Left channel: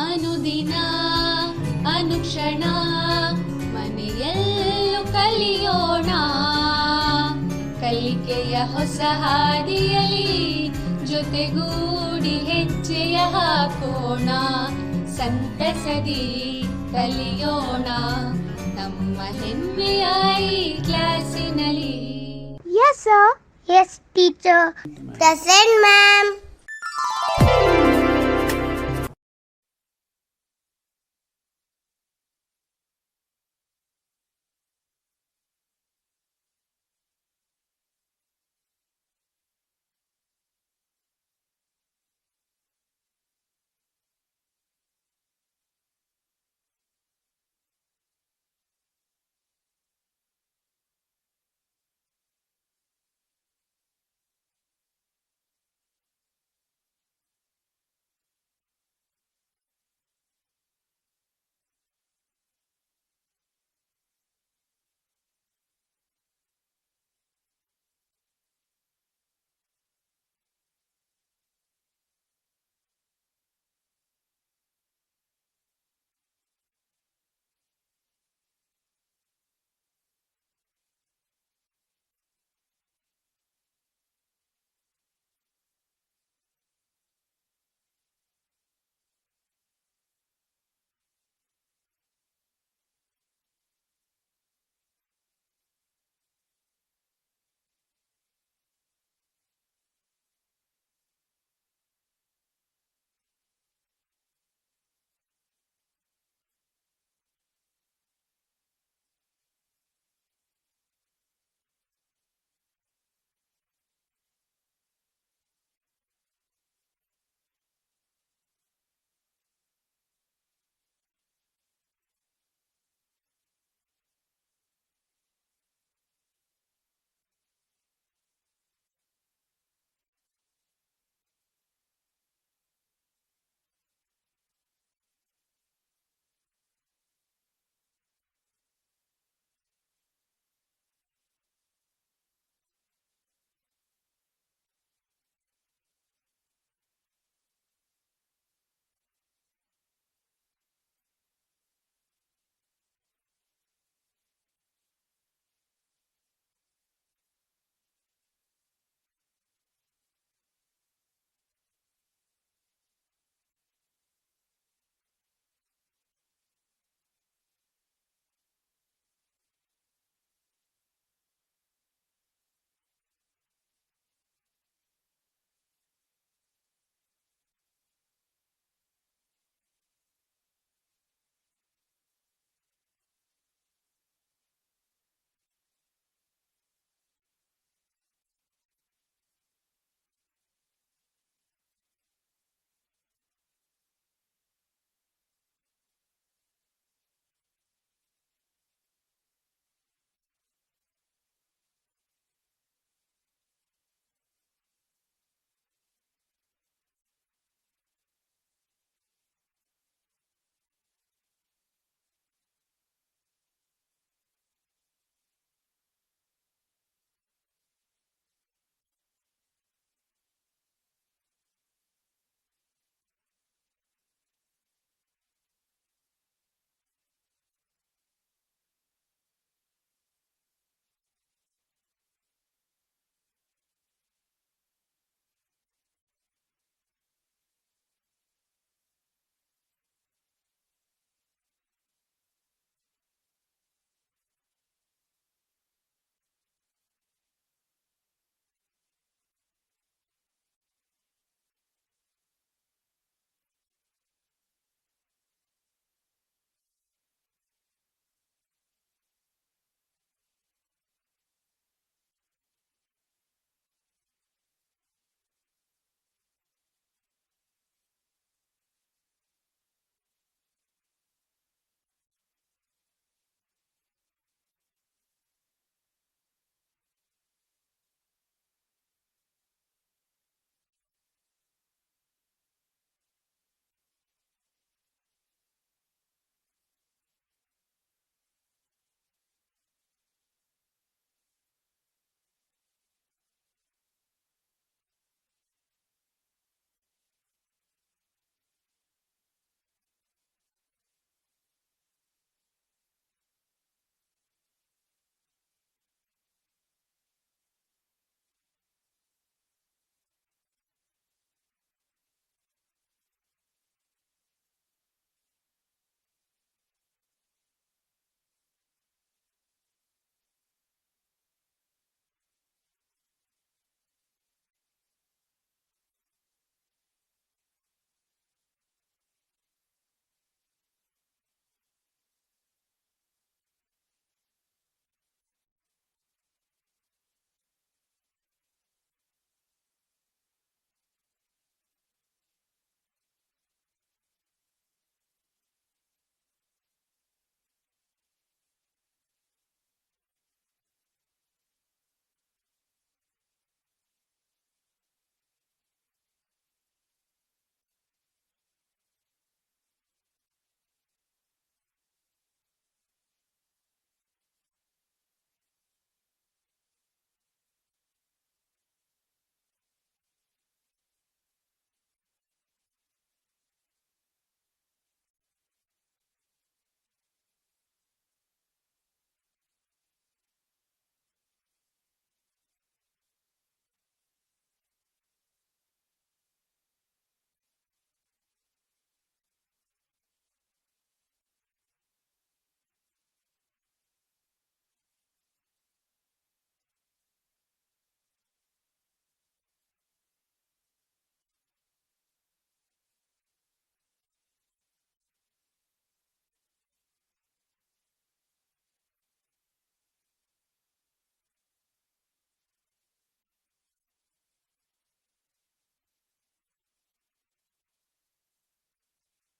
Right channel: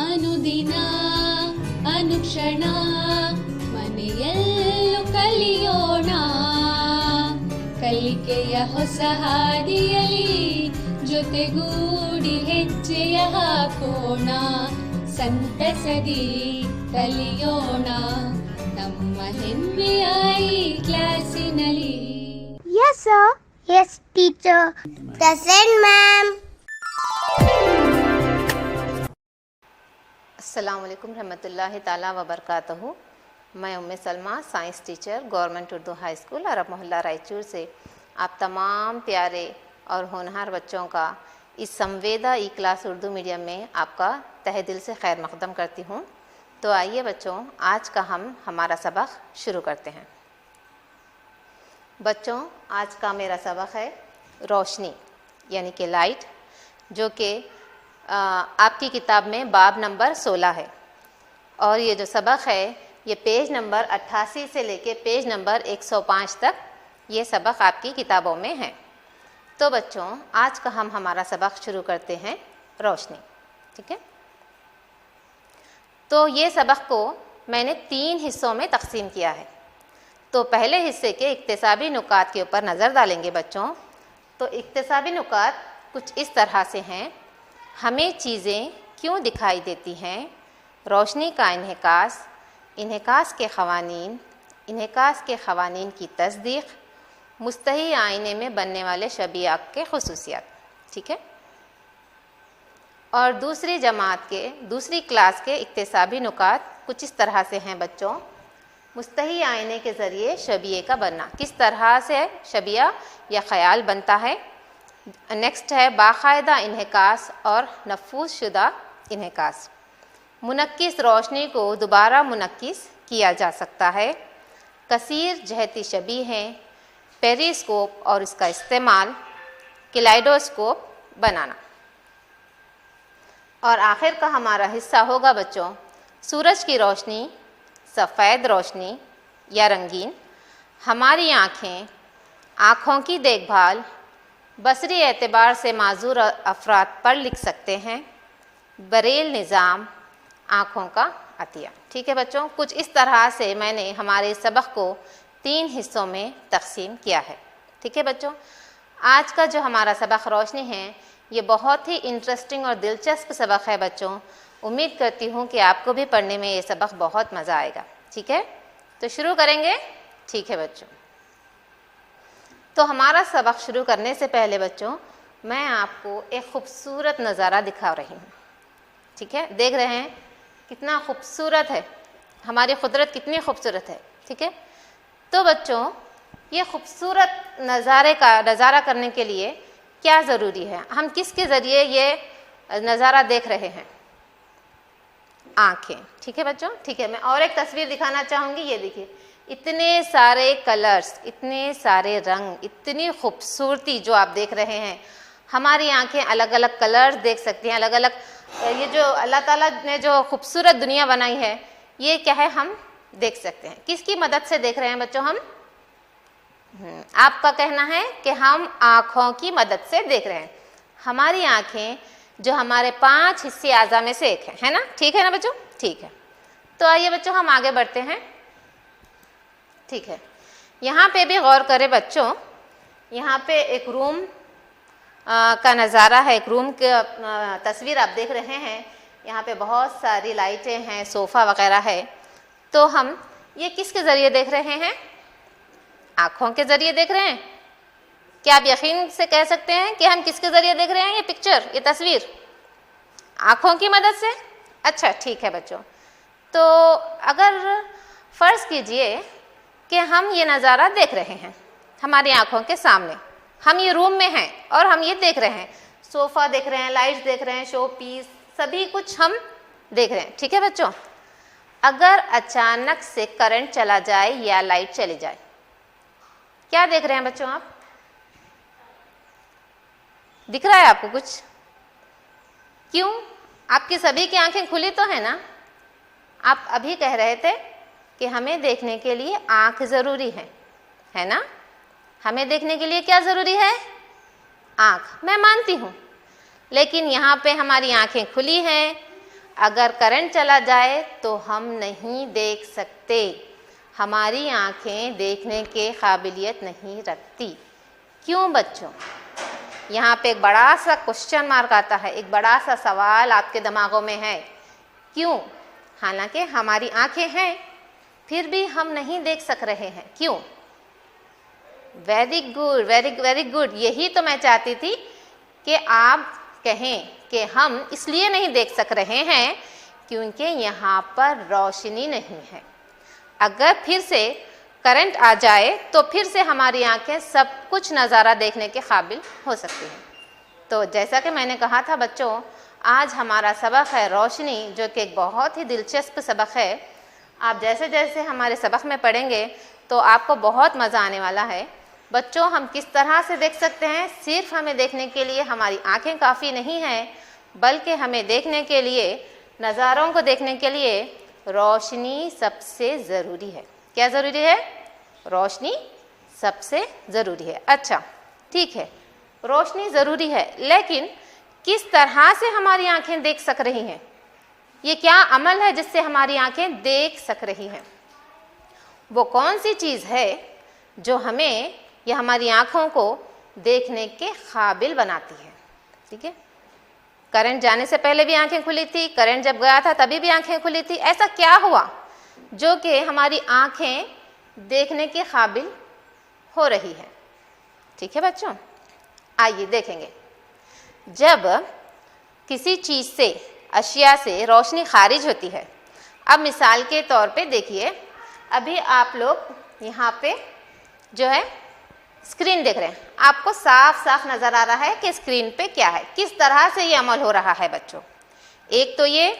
ಅನುದಿನ ಅನುಕ್ಷಣ ಮನೆಯಲ್ಲೂ ಕಲಿಯೋಣ, ಕಲಿಕೆಯ ಹೊಸ ಹಾದಿಯಲಿ ಜೊತೆಗೂಡಿ ಹೆಜ್ಜೆಯ ಹಾಕೋಣ, ಸಂತಸದಿ ಕಲಿಯೋಣ ನಮ್ಮ ಹೆಮ್ಮೆಯ ಈ ಕ್ಲಾಸಿನಲ್ಲಿ. Yes sir. Yes teacher. Present ma'am. अस्सलाम वालेकुम रहमतुल्लाहि ताला व बरकातहू। मैं Umme Salma, science teacher, government Urdu high school Arab Mohalla Raichur से आप तमाम प्यारे और होनहार बच्चों का इस संवेदा ई क्लास उर्दू मीडियम में आपका तहे दिल से खैर मकदम करती हूँ। तो आइए बच्चों, आज का हमारा सबक शुरू करते हैं। बच्चों, आज का मेरा सबक है रोशनी यानी कि लाइट, जो कि आपकी किताब में बाब नंबर 16 है। और ये जो सबक है ये पेज नंबर 88 से लेके पेज नंबर 105 तक ये सबक आपकी किताबों में है। तो बच्चों, आज का हमारा सबक शुरू करते हैं रोशनी। ठीक है, तो ये सबक को मैंने 3 हिस्सों में तकसीम किया है। तो पहले हिस्से के इक्तिसाबी नुकात के ऊपर नज़र डालेंगे बच्चों। तो इक्तिसाबी नुकात कुछ इस तरह से हैं: हमें चीज़ें क्यों दिखाई देती हैं, रोशनी का इन्हिकास, इन्हिकास के ख़वानीन की तस्दीक़, मुस्तही आईने में बनने वाले शबिया के खुसूसियात। ठीक है, और दूसरी क्लास के इक्तिसाबी नुकात कुछ इस तरह से हैं बच्चों: मुस्तही आईने के ज़रिए शबिये का बनना, किस तरह से शबिया या ख़याल बनता है। नेक्स्ट है बाकायदा इन्हिकास और नफूस शुदा इन्हिकास, मुनक्किस रोशनी को दोबारा मुनक्किस किया जा सकता है, कसीर जहती शबी हैं, पेरिस्कोप और इसका इस्तेमाल, किलाइडोस्कोप बनाना। और आखिर का हमारा हिस्सा होगा बच्चों सूरज की रोशनी, सफ़ेद रोशनी या रंगीन, हमारी आँखों की देखभाल, बसरी एतबार से माजूर अफराद पर लिख सकते हैं, बरेल निज़ाम, आँखों का अतिया। ठीक है बच्चों, कुछ इस तरह से मैंने हमारे सबक को 3 हिस्सों में तकसीम किया है। ठीक है बच्चों, आज का जो हमारा सबक रोशनी है ये बहुत ही इंटरेस्टिंग और दिलचस्प सबक है बच्चों। उम्मीद करती हूँ कि आपको भी पढ़ने में ये सबक बहुत मज़ा आएगा। ठीक है, तो शुरू करेंगे। ठीक है बच्चों, तो हमारा सबक शुरू करने से पहले बच्चों मैं आपको एक ख़ूबसूरत नज़ारा दिखा रही हूँ। ठीक है, देख रहे हैं कितना खूबसूरत है, हमारी कुदरत कितनी खूबसूरत है। ठीक है, तो बच्चों ये खूबसूरत नज़ारा करने के लिए क्या ज़रूरी है, हम किसके ज़रिए ये नज़ारा देख रहे हैं? आँखें। ठीक है बच्चों, ठीक है, मैं और एक तस्वीर दिखाना चाहूँगी। ये देखिए, इतने सारे कलर्स, इतने सारे रंग, इतनी खूबसूरती जो आप देख रहे हैं। हमारी आँखें अलग अलग कलर्स देख सकती हैं, अलग अलग ये जो अल्लाह ताला ने जो खूबसूरत दुनिया बनाई है ये क्या है, हम देख सकते हैं। किसकी मदद से देख रहे हैं बच्चों हम? आपका कहना है कि हम आँखों की मदद से देख रहे हैं। हमारी आँखें जो हमारे 5 हिस्से आज़ा में से एक है ना? ठीक है ना बच्चों? ठीक है, तो आइए बच्चों हम आगे बढ़ते हैं। ठीक है, यहाँ पे भी गौर करें बच्चों, यहाँ पे एक रूम का नज़ारा है, एक रूम की तस्वीर आप देख रहे हैं। यहाँ पे बहुत सारी लाइटें हैं, सोफ़ा वगैरह है। तो हम ये किसके ज़रिए देख रहे हैं? आँखों के ज़रिए देख रहे हैं। क्या आप यकीन से कह सकते हैं कि हम किसके ज़रिए देख रहे हैं ये पिक्चर, ये तस्वीर? आँखों की मदद से। अच्छा ठीक है बच्चों, तो अगर फ़र्ज़ कीजिए कि हम ये नज़ारा देख रहे हैं हमारी आँखों के सामने, हम ये रूम में हैं और हम ये देख रहे हैं, सोफ़ा देख रहे हैं, लाइट्स देख रहे हैं, शो पीस, सभी कुछ हम देख रहे हैं। ठीक है बच्चों, अगर अचानक से करंट चला जाए या लाइट चली जाए, क्या देख रहे हैं बच्चों आप? दिख रहा है आपको कुछ? क्यों? आपकी सभी की आंखें खुली तो है ना? आप अभी कह रहे थे कि हमें देखने के लिए आंख ज़रूरी है ना? हमें देखने के लिए क्या ज़रूरी है? आंख। मैं मानती हूँ, लेकिन यहाँ पे हमारी आंखें खुली हैं, अगर करंट चला जाए तो हम नहीं देख सकते, हमारी आँखें देखने के काबिलियत नहीं रखती। क्यों बच्चों? यहाँ पे एक बड़ा सा क्वेश्चन मार्क आता है, एक बड़ा सा सवाल आपके दिमागों में है, क्यों? हालांकि हमारी आँखें हैं फिर भी हम नहीं देख सक रहे हैं, क्यों? Very good, very good. यही तो मैं चाहती थी कि आप कहें कि हम इसलिए नहीं देख सक रहे हैं क्योंकि यहाँ पर रोशनी नहीं है। अगर फिर से करंट आ जाए तो फिर से हमारी आंखें सब कुछ नज़ारा देखने के काबिल हो सकती हैं। तो जैसा कि मैंने कहा था बच्चों, आज हमारा सबक है रोशनी, जो कि एक बहुत ही दिलचस्प सबक है। आप जैसे जैसे हमारे सबक में पढ़ेंगे तो आपको बहुत मज़ा आने वाला है। बच्चों, हम किस तरह से देख सकते हैं? सिर्फ हमें देखने के लिए हमारी आंखें काफ़ी नहीं हैं, बल्कि हमें देखने के लिए, नज़ारों को देखने के लिए रोशनी सबसे ज़रूरी है। क्या ज़रूरी है? रोशनी सबसे ज़रूरी है। अच्छा ठीक है, रोशनी ज़रूरी है, लेकिन किस तरह से हमारी आंखें देख सक रही हैं? ये क्या अमल है जिससे हमारी आंखें देख सक रही हैं? वो कौन सी चीज़ है जो हमें या हमारी आँखों को देखने के काबिल बनाती है? ठीक है, करंट जाने से पहले भी आंखें खुली थी, करंट जब गया था तभी भी आंखें खुली थी। ऐसा क्या हुआ जो कि हमारी आंखें देखने के काबिल हो रही है? ठीक है बच्चों, आइए देखेंगे। जब किसी चीज़ से, अशिया से रोशनी खारिज होती है, अब मिसाल के तौर पे देखिए, अभी आप लोग यहाँ पे जो है स्क्रीन देख रहे हैं, आपको साफ साफ नज़र आ रहा है कि स्क्रीन पे क्या है, किस तरह से ये अमल हो रहा है बच्चों। एक तो ये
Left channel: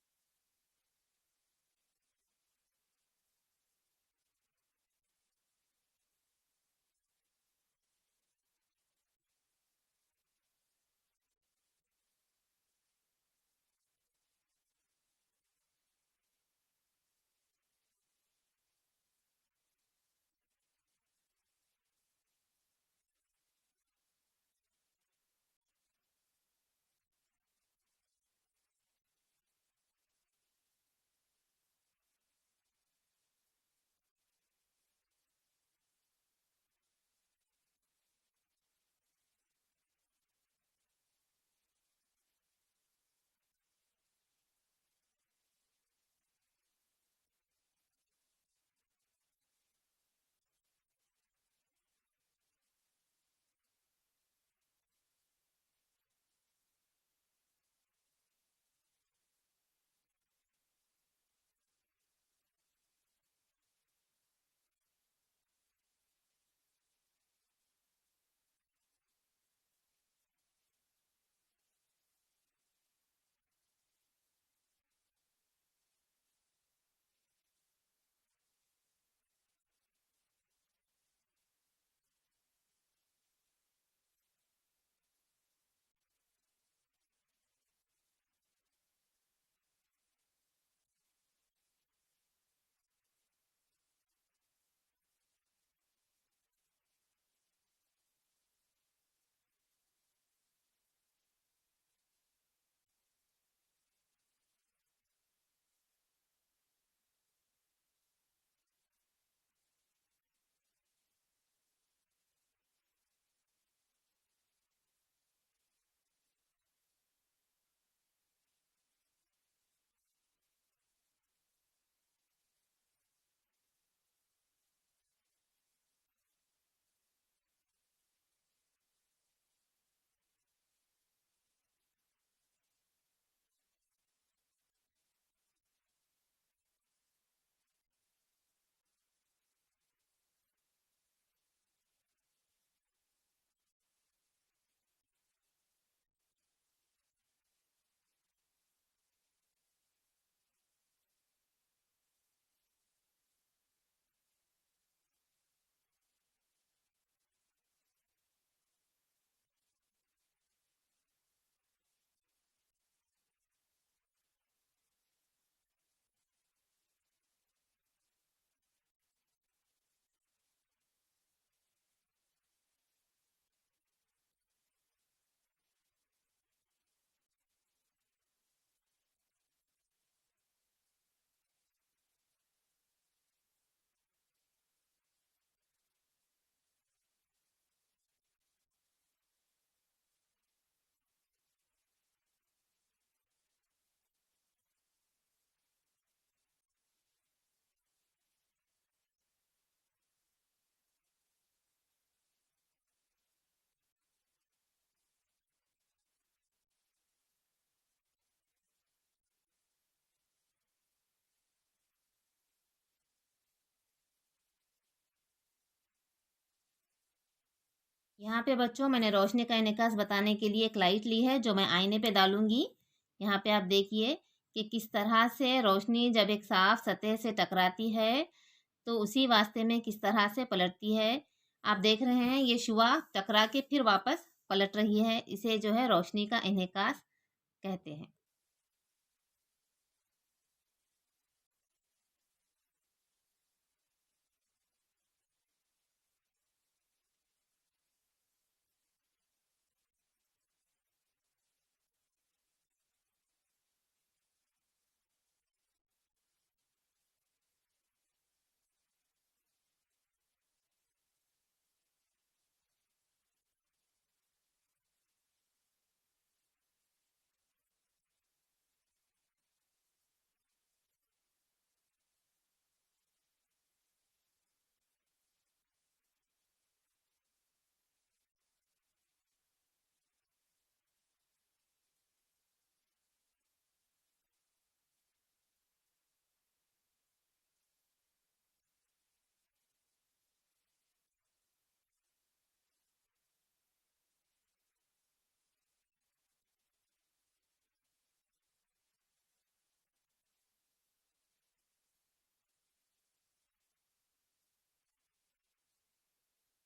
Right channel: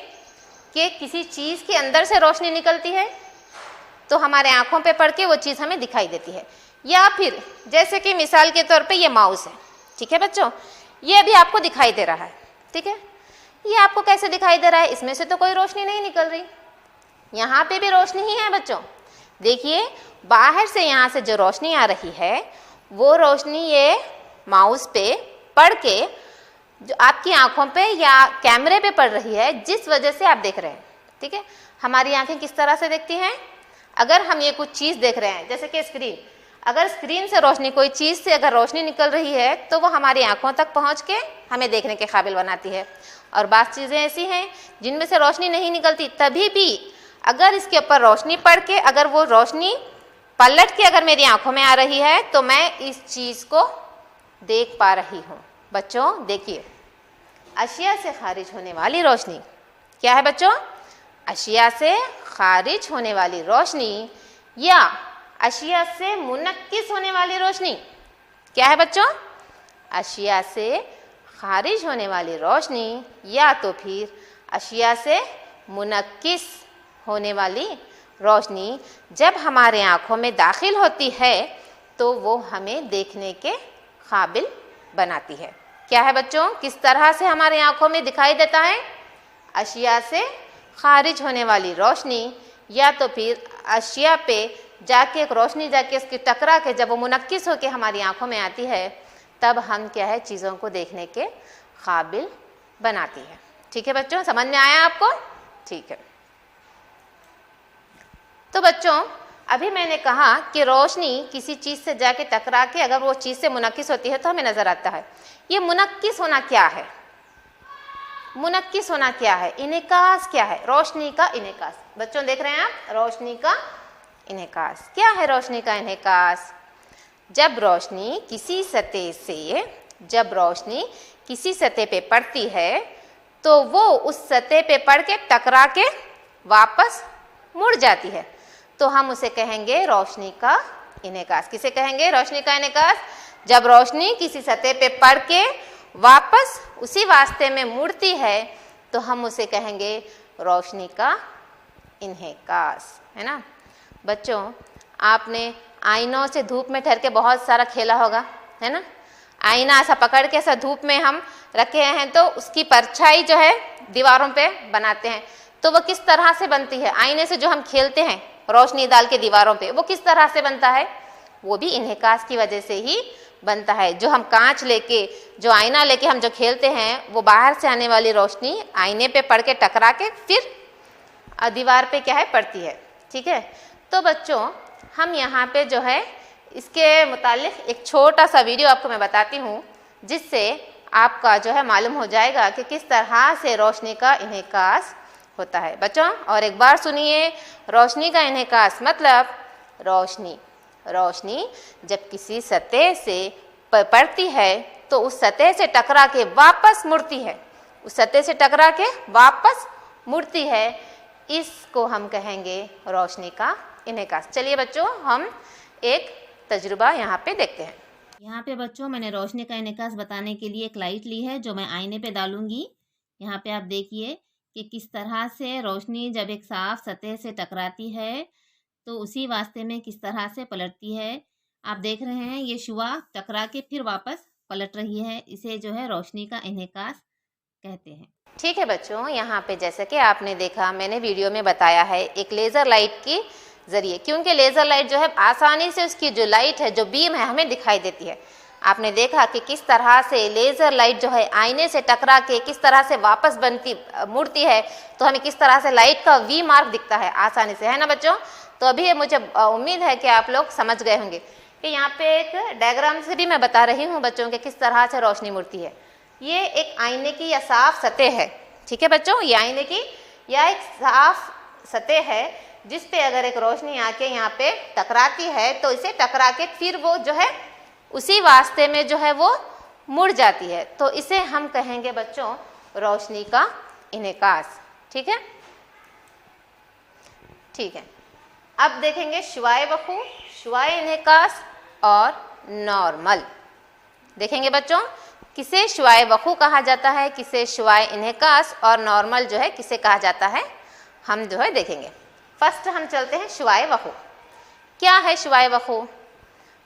कि किसी चीज़ के अंदर से रोशनी निकलती है तो हमारे आँखों पे पड़ के वो चीज़ हमें दिखाई देती है, या फिर जैसे कि मिसाल के तौर पे ये माउस है। ठीक है बच्चों, ये अभी आपको दिखाई दे रहा है। ठीक है, ये आपको कैसे दिखाई दे रहा है? इसमें से तो कोई रोशनी नहीं निकल रही, यहाँ पे भी रोशनी ही है बच्चों। देखिए, बाहर से यहाँ से जो रोशनी आ रही है वो रोशनी ये माउस पे पड़ के जो आपकी आंखों पे या कैमरे पे पड़ रही है, जिस वजह से आप देख रहे हैं। ठीक है, हमारी आंखें किस तरह से देखती हैं? अगर हम ये कुछ चीज़ देख रहे हैं, जैसे कि स्क्रीन, अगर स्क्रीन से रोशनी, कोई चीज़ से अगर रोशनी निकल रही है तो वो हमारी आंखों तक पहुंच के हमें देखने के काबिल बनाती है। और बात चीज़ें ऐसी हैं जिनमें से रोशनी नहीं निकलती, तभी भी अगर इसके ऊपर रोशनी पड़ के, अगर वो रोशनी पलट के अगर मेरी आंखों में आ रही है तो मैं इस चीज़ को देख पा रही हूँ। बच्चों देखिए, अशिया से खारिज होने वाली रोशनी क्या है बच्चों? अशिया से खारिज होने वाली रोशनी या अशिया से मुनक्किस होने वाली रोशनी क्या है बच्चों? अशिया से खारिज होने वाली रोशनी या तो फिर अशिया से मुनक्किस होने वाली रोशनी जब हमारे आँखों में दाखिल होती है तो वो हमें देखने के काबिल बनाती है। क्या है बच्चों? किस तरह से हमारे आँखों में दिखाई देता है? अशिया से खारिज होने वाली रोशनी या तो फिर अशिया पे जाके एक रोशनी जाके उसकी टकरा के जब वो मुनक्किस होकर हमारी आँखों में आती है, तब हम क्या है, चीज़ों को देखने के काबिल बनाती है। ठीक है बच्चों, समझ में आया आपको? ठीक है। तो बच्चों, अभी मैंने कहा कि रोशनी किसी चीज़ से जाके टकरा के अगर वो चीज़ से मुनक्किस होती है तो हमें नज़र आता है। ये मुनक्किस होना क्या है? मुनक्किस होना क्या है? इनेकास क्या है? रोशनी का इनेकास। बच्चों देख रहे हैं आप, रोशनी का इनेकास। क्या है रोशनी का इनेकास? जब रोशनी किसी सतह पे पड़ती है तो वो उस सतह पे पड़ के टकरा के वापस मुड़ जाती है, तो हम उसे कहेंगे रोशनी का इनेकास। किसे कहेंगे? रोशनी का इनेकास। जब रोशनी किसी सतह पे पड़ के वापस उसी वास्ते में मुड़ती है तो हम उसे कहेंगे रोशनी का इनेकास, है ना। बच्चों, आपने आईनों से धूप में ठहर के बहुत सारा खेला होगा, है ना। आईना ऐसा पकड़ के ऐसा धूप में हम रखे हैं तो उसकी परछाई जो है दीवारों पे बनाते हैं, तो वो किस तरह से बनती है? आईने से जो हम खेलते हैं रोशनी डाल के दीवारों पे, वो किस तरह से बनता है? वो भी इन्हेकास की वजह से ही बनता है। जो हम कांच लेके, जो आईना लेके हम जो खेलते हैं, वो बाहर से आने वाली रोशनी आईने पे पड़ के टकरा के फिर दीवार पे क्या है पड़ती है। ठीक है, तो बच्चों हम यहाँ पे जो है इसके मुतालिक एक छोटा सा वीडियो आपको मैं बताती हूँ, जिससे आपका जो है मालूम हो जाएगा कि किस तरह से रोशनी का इन्हेकास होता है। बच्चों और एक बार सुनिए, रोशनी का इन्हेकास मतलब रोशनी जब किसी सतह से पड़ती है तो उस सतह से टकरा के वापस मुड़ती है, उस सतह से टकरा के वापस मुड़ती है। इसको हम कहेंगे रोशनी का इन्हेकास। चलिए बच्चों हम एक तजुर्बा यहाँ पे देखते हैं। यहाँ पे बच्चों मैंने रोशनी का इन्हेकास बताने के लिए एक लाइट ली है जो मैं आईने पे डालूंगी। यहाँ पे आप देखिए कि किस तरह से रोशनी जब एक साफ सतह से टकराती है तो उसी वास्ते में किस तरह से पलटती है। आप देख रहे हैं ये शुआ टकरा के फिर वापस पलट रही है, इसे जो है रोशनी का इन्हेकास कहते हैं। ठीक है बच्चों, यहाँ पे जैसे कि आपने देखा, मैंने वीडियो में बताया है एक लेज़र लाइट के ज़रिए, क्योंकि लेज़र लाइट जो है आसानी से उसकी जो लाइट है, जो बीम है, हमें दिखाई देती है। आपने देखा कि किस तरह से लेज़र लाइट जो है आईने से टकरा के किस तरह से वापस मुड़ती है, तो हमें किस तरह से लाइट का वी मार्क दिखता है आसानी से, है ना बच्चों। तो अभी मुझे उम्मीद है कि आप लोग समझ गए होंगे कि यहाँ पे एक डायग्राम से भी मैं बता रही हूँ बच्चों के किस तरह से रोशनी मुड़ती है। ये एक आईने की या साफ सतह है। ठीक है बच्चों, ये आईने की या एक साफ सतह है जिस पे अगर एक रोशनी आके यहाँ पे टकराती है तो इसे टकरा के फिर वो जो है उसी वास्ते में जो है वो मुड़ जाती है, तो इसे हम कहेंगे बच्चों रोशनी का इन्हेकास। ठीक है, ठीक है। अब देखेंगे शुआए वक़ू, शुआए इन्हेकास और नॉर्मल। देखेंगे बच्चों किसे शुआए वक़ू कहा जाता है, किसे शुआए इन्हेकास, और नॉर्मल जो है किसे कहा जाता है, हम जो है देखेंगे। फर्स्ट हम चलते हैं शुआए वक़ू। क्या है शुआए वक़ू?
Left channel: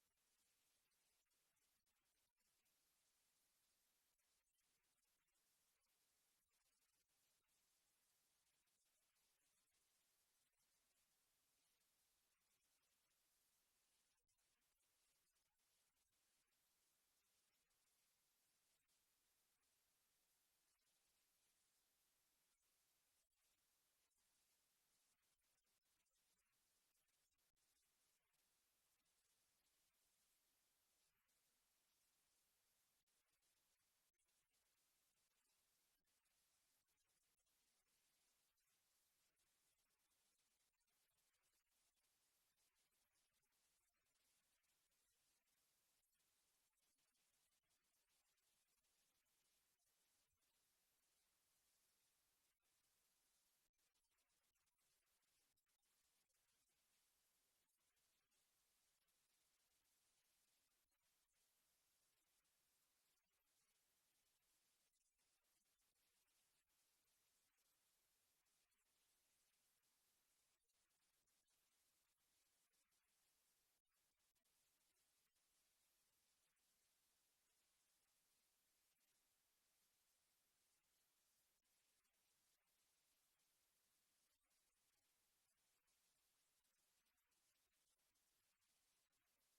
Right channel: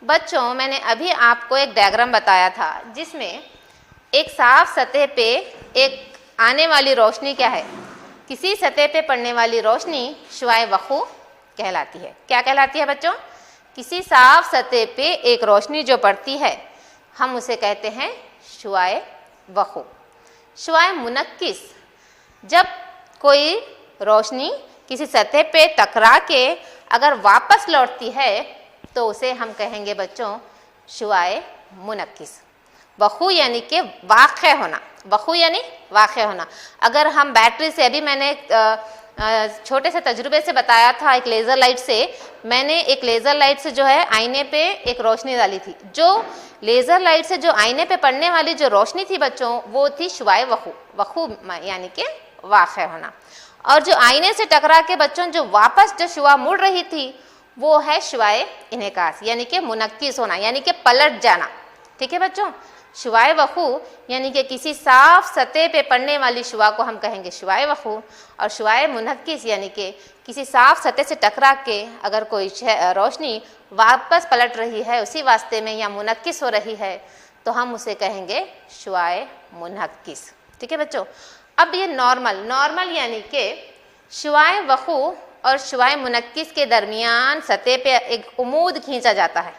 बच्चों मैंने अभी आपको एक डायग्राम बताया था जिसमें एक साफ सतह पे एक आने वाली रोशनी क्या है, किसी सतह पे पड़ने वाली रोशनी शुआए वक़ू कहलाती है। क्या कहलाती है बच्चों? किसी साफ सतह पे एक रोशनी जो पड़ती है हम उसे कहते हैं शुआए वक़ू। शुआए मुनक्किस, जब कोई रोशनी किसी सतह पे टकरा के अगर वापस लौटती है तो उसे हम कहेंगे बच्चों शुआए मुनक्किस। वक़ू यानी कि वाक़े होना, वक़ू यानी वाक़े होना। अगर हम बैटरी से, अभी मैंने छोटे से तजुर्बे से बताया था, एक लेज़र लाइट से, मैंने एक लेज़र लाइट से जो है आईने पे एक रोशनी डाली थी। जो लेज़र लाइट से जो आईने पे पड़ने वाली जो रोशनी थी बच्चों वो थी शुआए वक़ू, वक़ू यानी कि वाक़े होना। और जो आईने से टकरा के बच्चों जो वापस जो शुआ मुड़ रही थी वो है शुआए इन्हेकास यानी कि मुनक्किस होना, यानी कि पलट जाना। ठीक है बच्चों, शुआए वक़ू यानी कि किसी साफ सतह पे पड़ने वाली शुआ को हम कहेंगे शुआए वक़ू, और शुआए मुनक्किस यानी कि किसी साफ सतह से टकरा के अगर कोई रोशनी वापस पलट रही है उसी वास्ते में या मुनक्किस हो रही है तो हम उसे कहेंगे शुआए मुनक्किस। ठीक है बच्चों, अब ये नॉर्मल यानी कि शुआए वक़ू और शुआए मुनक्किस के दरमियान सतह पे एक उमूद खींचा जाता है,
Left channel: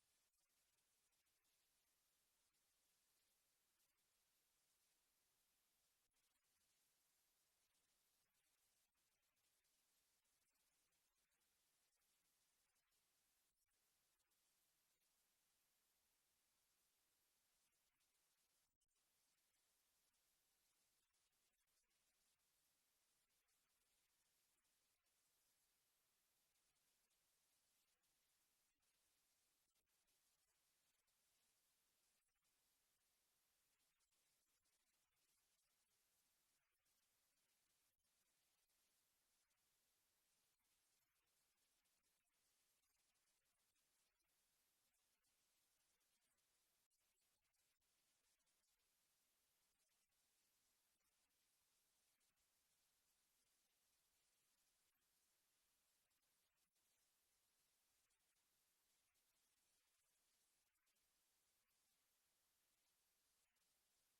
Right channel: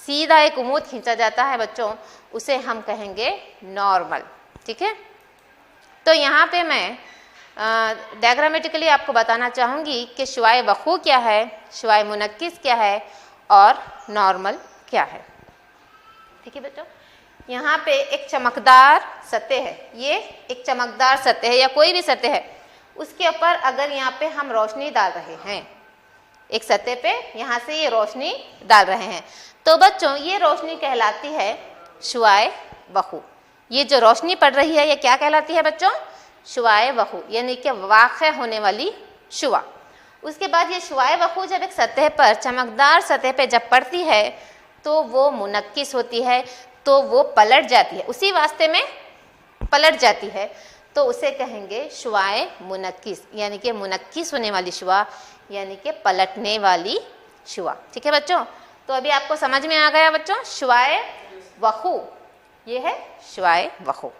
सीधा एक उमूद खींचा जाता है बच्चों, उसे हम कहेंगे नॉर्मल। ठीक है, तो यहाँ पे मैं डायग्रामेटिकली आपको बताना चाहूँगी कि शुआए वक़ू क्या है, शुआए मुनक्किस क्या है और नॉर्मल क्या है। ठीक है बच्चों, यहाँ पे एक चमकदार सतह है, ये एक चमकदार सतह है या कोई भी सतह है, उसके ऊपर अगर यहाँ पे हम रोशनी डाल रहे हैं, एक सतह पे यहाँ से ये रोशनी डाल रहे हैं, तो बच्चों ये रोशनी कहलाती है शुआए वक़ू। ये जो रोशनी पड़ रही है ये क्या कहलाती है बच्चों? शुआए वक़ू यानी कि वाक़े होने वाली शुआ। उसके बाद ये शुआए वक़ू जब एक सतह पर, चमकदार सतह पे जब पड़ती है तो वो मुनक्किस होती है, तो वो पलट जाती है, उसी वास्ते में पलट जाती है, तो उसे कहेंगे शुआए मुनक्किस यानी कि मुनक्किस होने वाली शुआ यानी कि पलटने वाली शुआ। ठीक है बच्चों, तो अभी आपको समझ में आ गया बच्चों, शुआए वक़ू ये है शुआए वक़ू,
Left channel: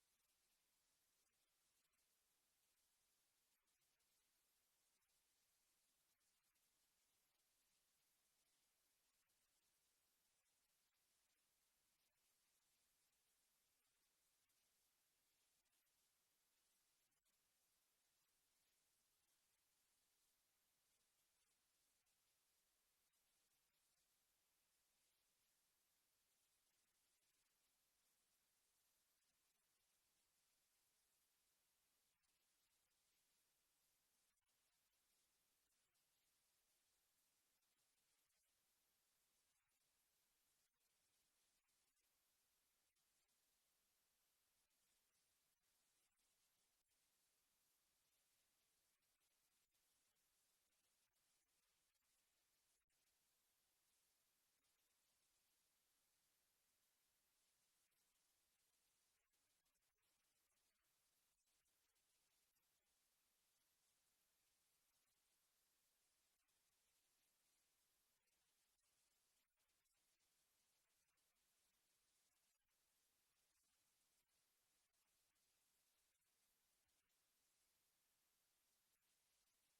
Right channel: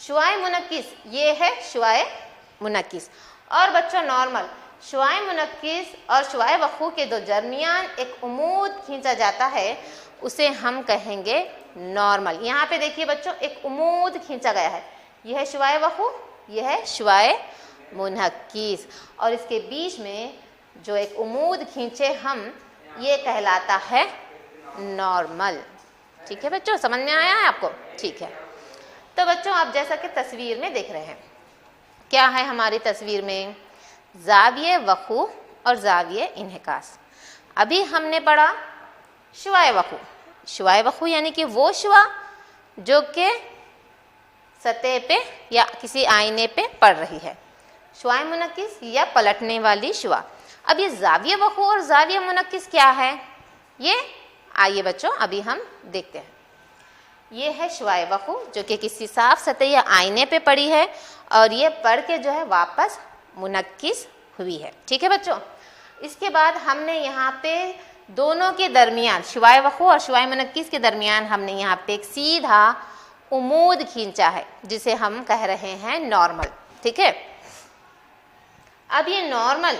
शुआए मुनक्किस ये है शुआए मुनक्किस। और बच्चों नॉर्मल, शुआए मुनक्किस और शुआए वक़ू के दो दरमियान एक उमूद खींचा जाता है, उसे हम कहेंगे नॉर्मल। यहाँ पे देखिए बच्चों एक उमूद खींचा गया है, यह है शुआए वखू, यह है शुआए मुनक्किस, और इसके बीच में जो एक उमूद खींचे हम, ये कहलाता है नॉर्मल। ठीक है बच्चों, समझ में आया है आपको? ठीक है। तो बच्चों आप जैसा कि तस्वीर में देख रहे हैं, क्या है हमारी तस्वीर में? ज़ाविये वक़ू और ज़ाविये इन्हिकास। अभी हमने पढ़ा शुआए वक़ू। शुआए वक़ू यानी कि वो शुआ जो कि सतह पे या किसी आईने पे पड़ रही है। शुआए मुनक्किस या पलटने वाली शुआ। अब ये ज़ाविये वक़ू और ज़ाविये मुनक्किस क्या है, ये आइए बच्चों अभी हम देखते हैं। ये है शुआए वक़ू जो कि किसी साफ सतह या आईने पे पड़ी है, और ये पढ़ के जो है वापस मुनक्किस हुई है। ठीक है बच्चों। इसके बाद हमने यहाँ पे दोनों के दरमियान, शुआए वक़ू और शुआए मुनक्किस के दरमियान हमने यहाँ पे एक सीधा उमूद खींचा है, जिसे हम कह रहे हैं नॉर्मल। ठीक है। अब ये नॉर्मल,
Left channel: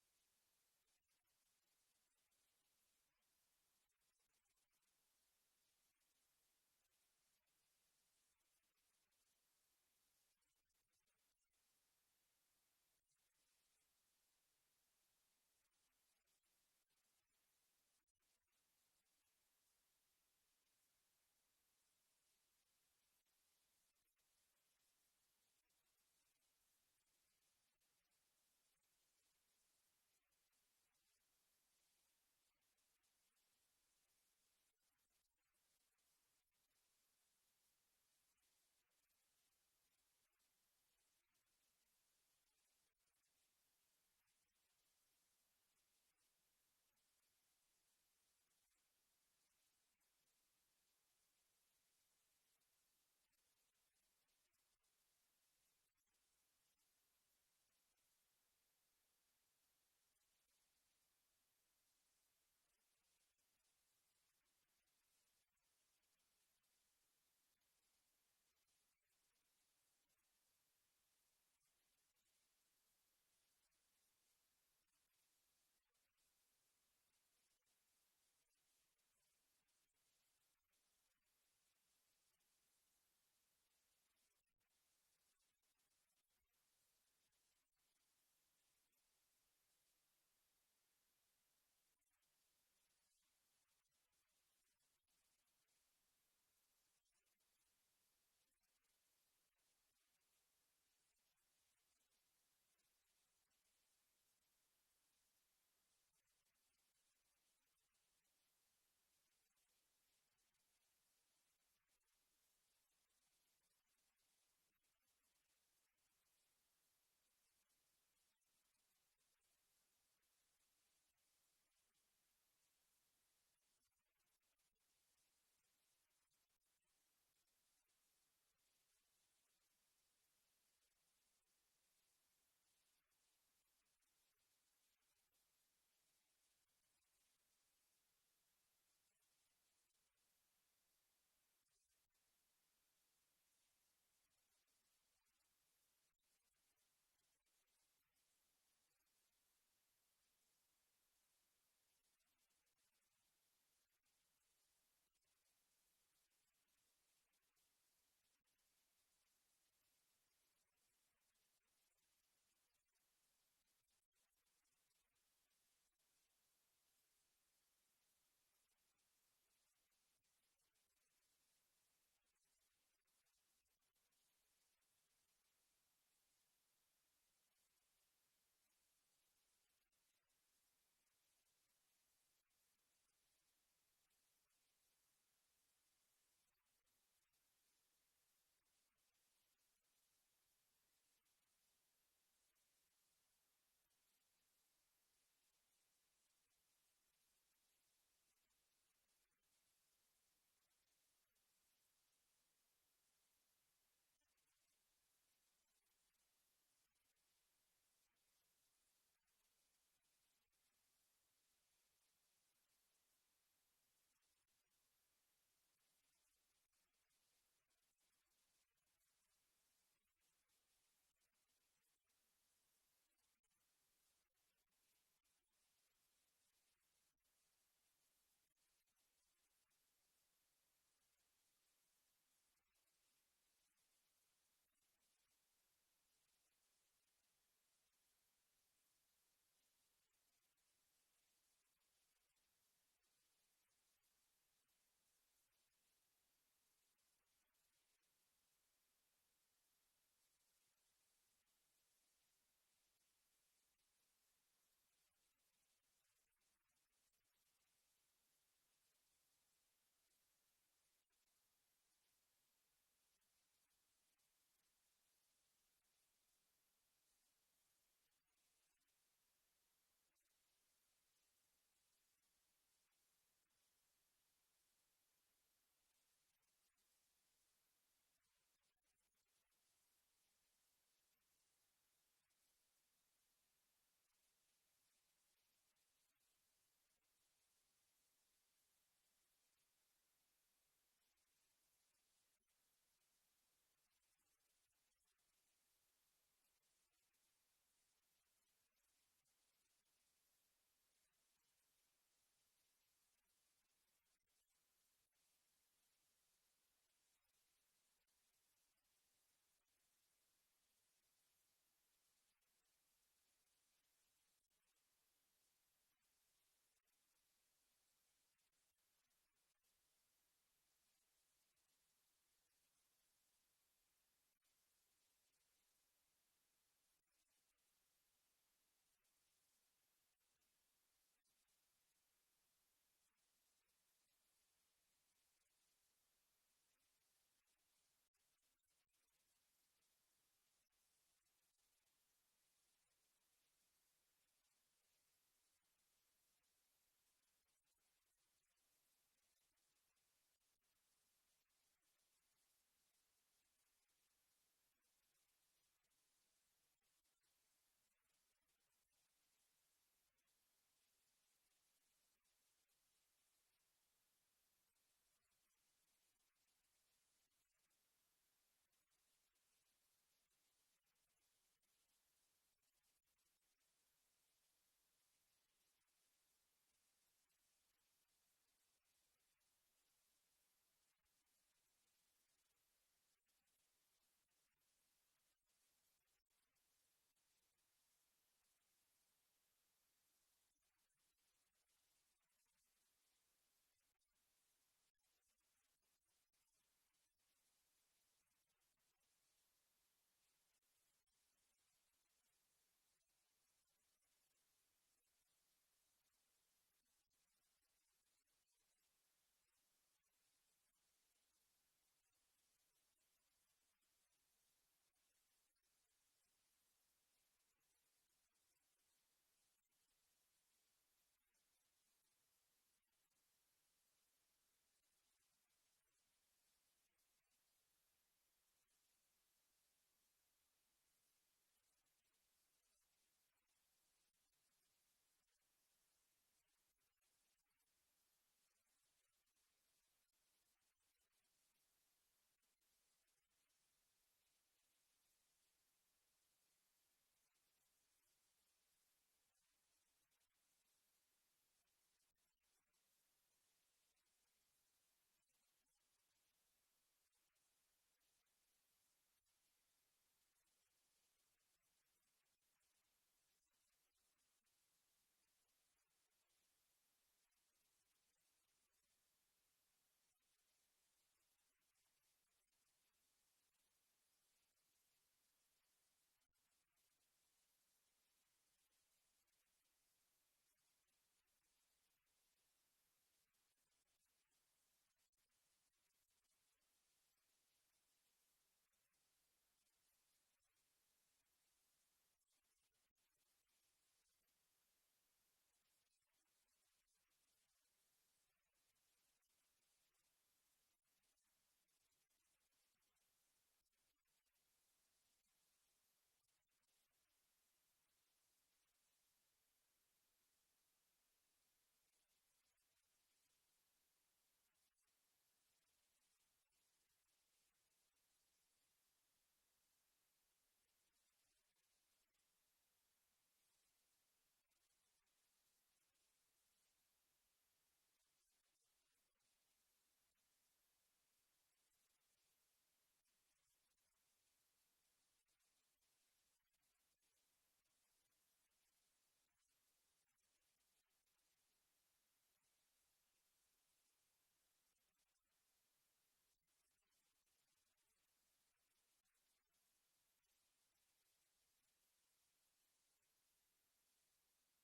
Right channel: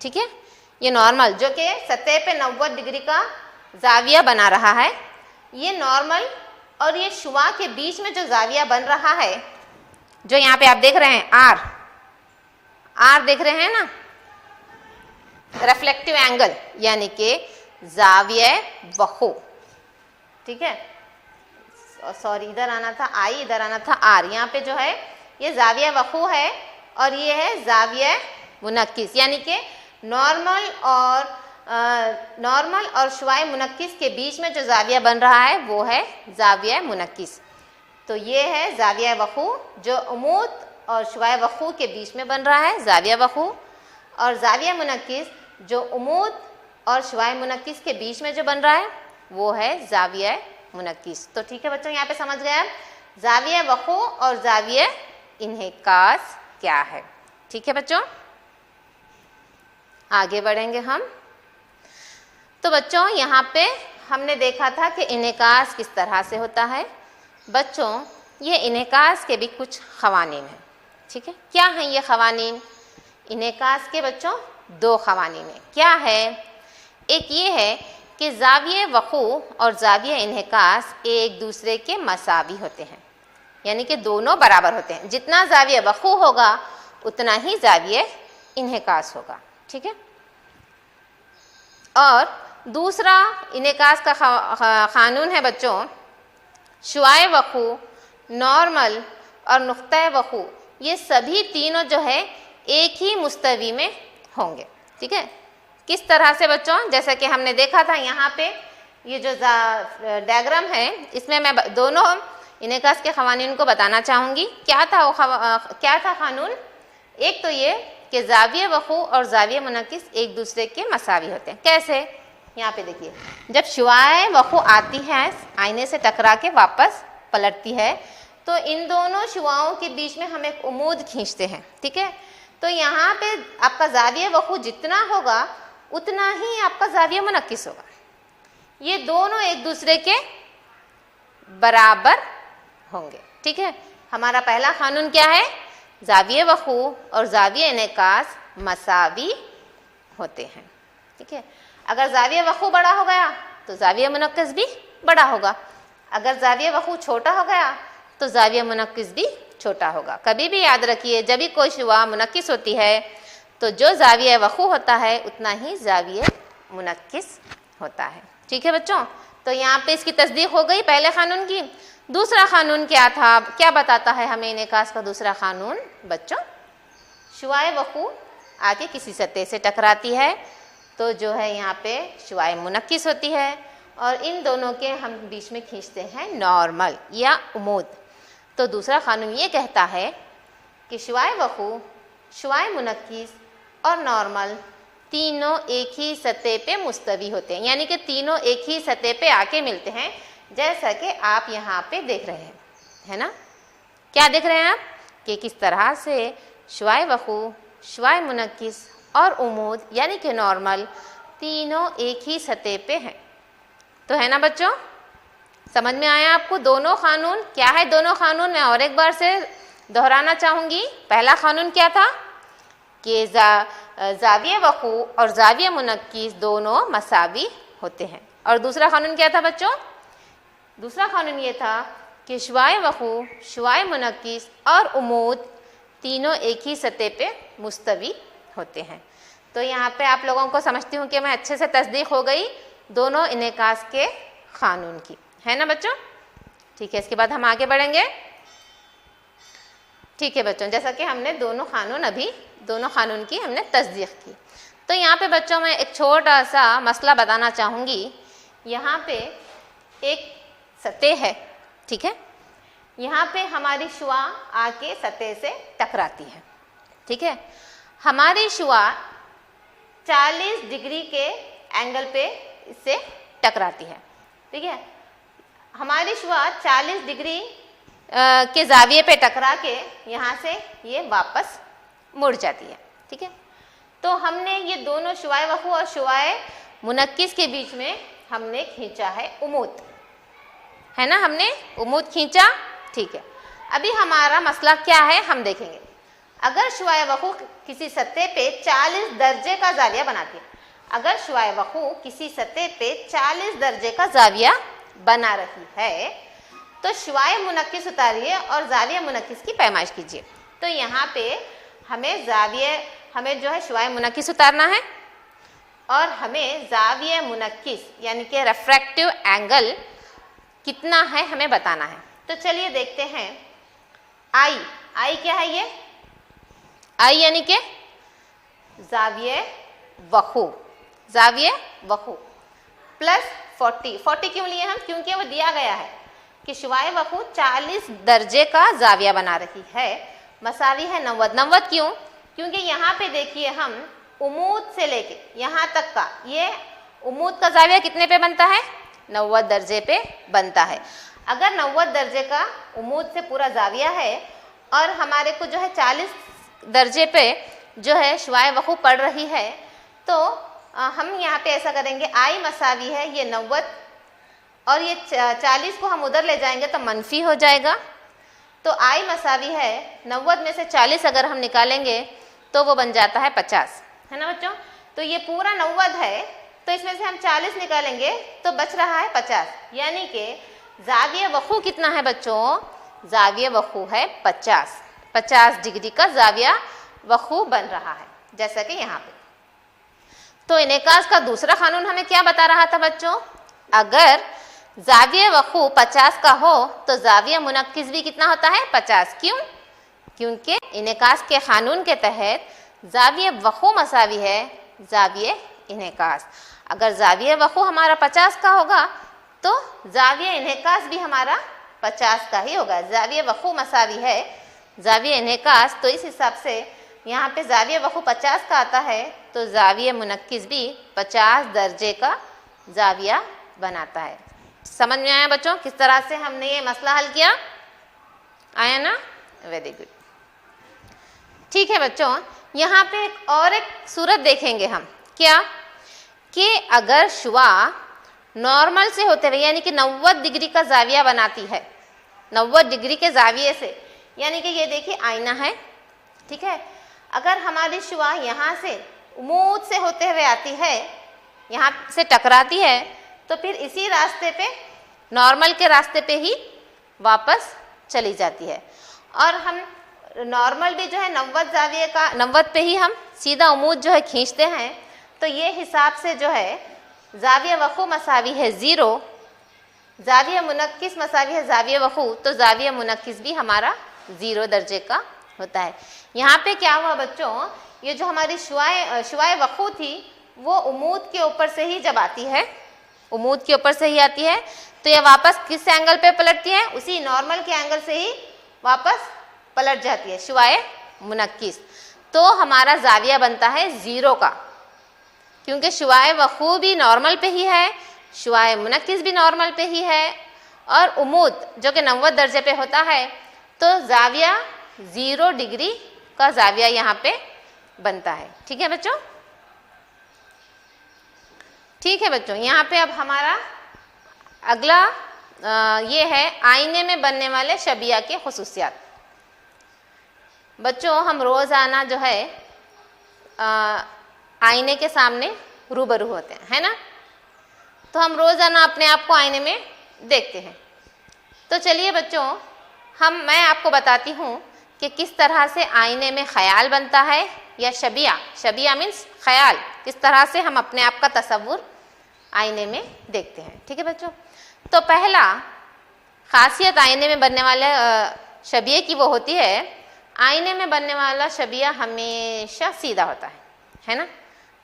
ठीक है, ये नॉर्मल जो कि सतह पे 90 डिग्री का जाविया बना रहा है, ये नॉर्मल और ये शुआ के बीच में जो जाविया बन रहा है, जो यहाँ पे आप देख रहे हैं आर देख रहे हैं ना, रिफ्लेक्टिव एंगल यानी कि जाविया वक़ू। ठीक है, सॉरी इधर आना था आई, इधर आना था आर। यहाँ पे जो है ये जाविया वक़ू है और ये है जाविया मुनक्किस, यानी कि नॉर्मल और शुआए मुनक्किस के बीच में जो जाविया बन रहा है वो है जाविया मुनक्किस। तो ये है जाविया वक़ू जो उमूद और शुआए वक़ू के बीच में बन रहा है, जाविया वक़ू, और जाविया मुनक्किस जो उमूद और शुआए मुनक्किस के बीच में जो बन रहा है वो है जाविया मुनक्किस। तो ठीक है बच्चों, यहाँ पे समझ गए जाविया वक़ू और जाविया इन्हिकास क्या है। ठीक है बच्चों, आगे बढ़ेंगे हम। तो बच्चों यहाँ पे हमने देखा था कि इन्हिकास किस तरह से होता है। बच्चों ये इन्हिकास के भी कुछ ख़वानीन हैं। ठीक है, क्या हैं ये ख़वानीन? इन्हिकास के बच्चों 2 ख़वानीन हैं। क्या है? एक ये है कि ज़ाविये वक़ू और ज़ाविये इन्हिकास एक दूसरे के मसावी होते हैं, यानी कि दोनों बराबर होते हैं। जितना ज़ाविये वक़ू होगा उतना ही ज़ाविये इन्हिकास होगा। ठीक है। और दूसरा इन्हिकास का क़ानून है बच्चों, शुआए वक़ू, नॉर्मल और नुक़्ता वक़ू, ये सभी तीनों जो है एक ही मुस्तवी में होंगे। ठीक है, किस तरह से बच्चों? जैसा कि हमने देखा था यहाँ पे ये जो डायग्राम है, इसमें मैं दोनों इन्हिकास के क़वानीन को बताना चाहूँगी। क्या था क़ानून? एक तो ये कि ज़ाविये वक़ू और ज़ाविये मुनक्किस एक दूसरे के मसावी होते हैं। कैसे? यहाँ पे देखिए, जब शुआए वक़ू आती है आईने से टकरा के वापस पलटती है, तो इन दोनों शुआओं के बीच में हम एक उमूद खींचते हैं। ठीक है, तो यहाँ पे आपका ज़ाविये वक़ू जितना होगा उतना ही आपका ज़ाविया मुनक्किस होगा। ये दोनों एक दूसरे के बराबर होंगे। ठीक है, हमारा पहला क़ानून क्या है? ज़ाविये वक़ू और ज़ाविये इन्हिकास मसावी होते हैं। ठीक है, अगर ज़ाविये वक़ू बड़ा हो गया तो ज़ाविया मुनक्किस भी बड़ा होगा, अगर ज़ाविये वक़ू छोटा हो गया तो ज़ाविया मुनक्किस भी छोटा होगा। कभी भी याद रखिए, जब भी कोई शुआ मुनक्किस होती है तो जो ज़ाविया वक़ू होता है उतना ही ज़ाविया मुनक्किस होता है। ठीक है बच्चों, तो यहाँ पे इसकी तस्दीक हो गई पहले क़ानून की। दूसरा क़ानून क्या था? क्या बताता है हमें इन्हिकास का दूसरा क़ानून? बच्चों शुआए वक़ू आके किसी सतह से टकराती है तो जो है यहाँ पे शुआए मुनक्किस होती है, और इन दोनों के हम बीच में खींचते हैं नॉर्मल या उमूद। तो दूसरा क़ानून ये कहता है कि शुआए वक़ू, शुआए मुनक्किस और नॉर्मल तीनों एक ही सतह पे मुस्तवी होते हैं, यानी कि तीनों एक ही सतह पे आके मिलते हैं, जैसा कि आप यहाँ पे देख रहे हैं, है ना? क्या देख रहे हैं आप कि किस तरह से शुआए वक़ू, शुआए मुनक्किस और उमूद यानी कि नॉर्मल तीनों एक ही सतह पे हैं। तो है ना बच्चों, समझ में आया आपको दोनों क़ानून? क्या है दोनों क़ानून? मैं और एक बार से दोहराना चाहूँगी। पहला क़ानून क्या था कि ज़ाविये वक़ू और ज़ाविया मुनक्किस दोनों मसावी होते हैं, और दूसरा क़ानून क्या था बच्चों? दूसरा कानून ये था कि शुआए वक़ू, शुआए मुनक्किस और उमूद तीनों एक ही सतह पे मुस्तवी होते हैं। तो यहाँ पे आप लोगों को समझती हूँ कि मैं अच्छे से तस्दीक हो गई दोनों इनेकास के कानून की, है ना बच्चों? ठीक है, इसके बाद हम आगे बढ़ेंगे। ठीक है बच्चों, जैसा कि हमने दोनों कानून की हमने तस्दीक की। तो यहाँ पे बच्चों मैं एक छोटा सा मसला बताना चाहूँगी। यहाँ पे एक सतह है, ठीक है, यहाँ पे हमारी शुआ आके सतह से टकराती है, ठीक है। हमारी शुआ 40 डिग्री के एंगल पे इससे टकराती है, ठीक है। हमारी शुआ 40 डिग्री के जाविये पे टकरा के यहाँ से ये वापस मुड़ जाती है, ठीक है। तो हमने ये दोनों शुआए वक़ू और शुआए मुनक्किस के बीच में हमने खींचा है उमूद, है ना, हमने उमूद खींचा, ठीक है। अभी हमारा मसला क्या है हम देखेंगे। अगर शुआए वक़ू किसी सतह पे 40 दर्जे का जाविया बनाती है, अगर शुआए वक़ू किसी सतह पे 40 दर्जे का जाविया बना रही है तो शुआए मुनक्किस उतारिए और जाविया मुनक्किस की पैमाइश कीजिए। तो यहाँ पे हमें जो है शुआए मुनक्किस उतारना है और हमें जाविया मुनक्किस यानी कि रिफ्रैक्टिव एंगल कितना है हमें बताना है। तो चलिए देखते हैं। आई क्या है? ये आई यानी कि जाविये वक़ू प्लस 40 क्यों लिए हम? क्योंकि वो दिया गया है कि शुआए वक़ू 40 दर्जे का जाविया बना रही है, मसावी है 90 क्यों? क्योंकि यहाँ पे देखिए हम उमूद से लेके यहाँ तक का, ये उमूद का जाविया कितने पे बनता है? 90 दर्जे पे बनता है। अगर 90 दर्जे का उमूद से पूरा जाविया है और हमारे को जो है 40 दर्जे पे जो है शुआए वक़ू पड़ रही है, तो हम यहाँ पे ऐसा करेंगे, आई मसावी है ये 90 और ये 40 को हम उधर ले जाएंगे तो मनफी हो जाएगा। तो आई मसावी है 90 में से 40 अगर हम निकालेंगे तो वो बन जाता है 50, है ना बच्चों। तो ये पूरा 90 है तो इसमें से हम 40 निकालेंगे तो बच रहा है 50, यानी कि जाविया वक़ू कितना है बच्चों? जाविया वक़ू है 50 डिग्री का जाविया वक़ू बन रहा है, जैसा कि यहाँ पे। तो इनेकास का दूसरा कानून हमें क्या बता रहा था बच्चों? अगर जाविया वक़ू 50 का हो तो जाविया मुनक्किस भी कितना होता है? 50। क्यों? क्योंकि इनेकास के कानून के तहत जाविया वक़ू मसावी है जाविया इनेकास। अगर जाविया वक़ू हमारा 50 का होगा तो जाविया इनेकास भी हमारा 50 का ही होगा। जाविया वक़ू मसावी है जाविया इनेकास, तो इस हिसाब से यहाँ पे जाविया वक़ू 50 का आता है तो जाविया मुनक्किस भी 50 दर्जे का जाविया बनाता है। समझ में आया बच्चों किस तरह से हमने ये मसला हल किया? आया ना? Very good. ठीक है बच्चों, यहाँ पे एक सूरत देखेंगे हम, क्या कि अगर शुआ नॉर्मल से होते हुए यानी कि 90 डिग्री का जाविया बनाती है, 90 डिग्री के जाविये से, यानी कि ये देखिए आईना है, ठीक है। अगर हमारी शुआ यहाँ से उमूद से होते हुए आती है, यहाँ से टकराती है, तो फिर इसी रास्ते पे नॉर्मल के रास्ते पे ही वापस चली जाती है। और हम नॉर्मल भी जो है 90 जाविये का 90 पे ही हम सीधा उमूद जो है खींचते हैं। तो ये हिसाब से जो है जाविया वक़ू मसावी है 0, जाविया मुनक्किस मसावी है जाविया वक़ू, तो जाविया मुनक्किस भी हमारा 0 दर्जे का होता है। यहाँ पे क्या हुआ बच्चों? ये जो हमारी शुआए वक़ू थी वो उमूद के ऊपर से ही जब आती है, उमूद के ऊपर से ही आती है, तो ये वापस किस एंगल पे पलटती है? उसी नॉर्मल के एंगल से ही वापस पलट जाती है शुआए मुनक्किस। तो हमारा जाविया बनता है 0 का, क्योंकि शुआए वक़ू भी नॉर्मल पे ही है, शुआए मुनक्किस भी नॉर्मल पे ही है, और उमूद जो कि 90 दर्जे पे होता है, तो जाविया 0 डिग्री का जाविया यहाँ पे बनता है। ठीक है बच्चों? ठीक है बच्चों, यहाँ पे अब हमारा अगला ये है आईने में बनने वाले शबिया के खुसूसियात। बच्चों हम रोज़ाना जो है आईने के सामने रूबरू होते हैं, है ना? तो हम रोज़ाना अपने आप को आईने में देखते हैं, तो चलिए बच्चों, मैं आपको बताती हूँ कि किस तरह से आईने में ख्याल बनता है, या शबिया मीन्स ख्याल, किस तरह से हम अपने आप का तस्वुर आईने में देखते हैं। ठीक है बच्चों, तो पहला खासियत आईने में बनने वाले शबिये की वो होती है, आईने में बनने वाला शबिया हमेशा सीधा होता है ना।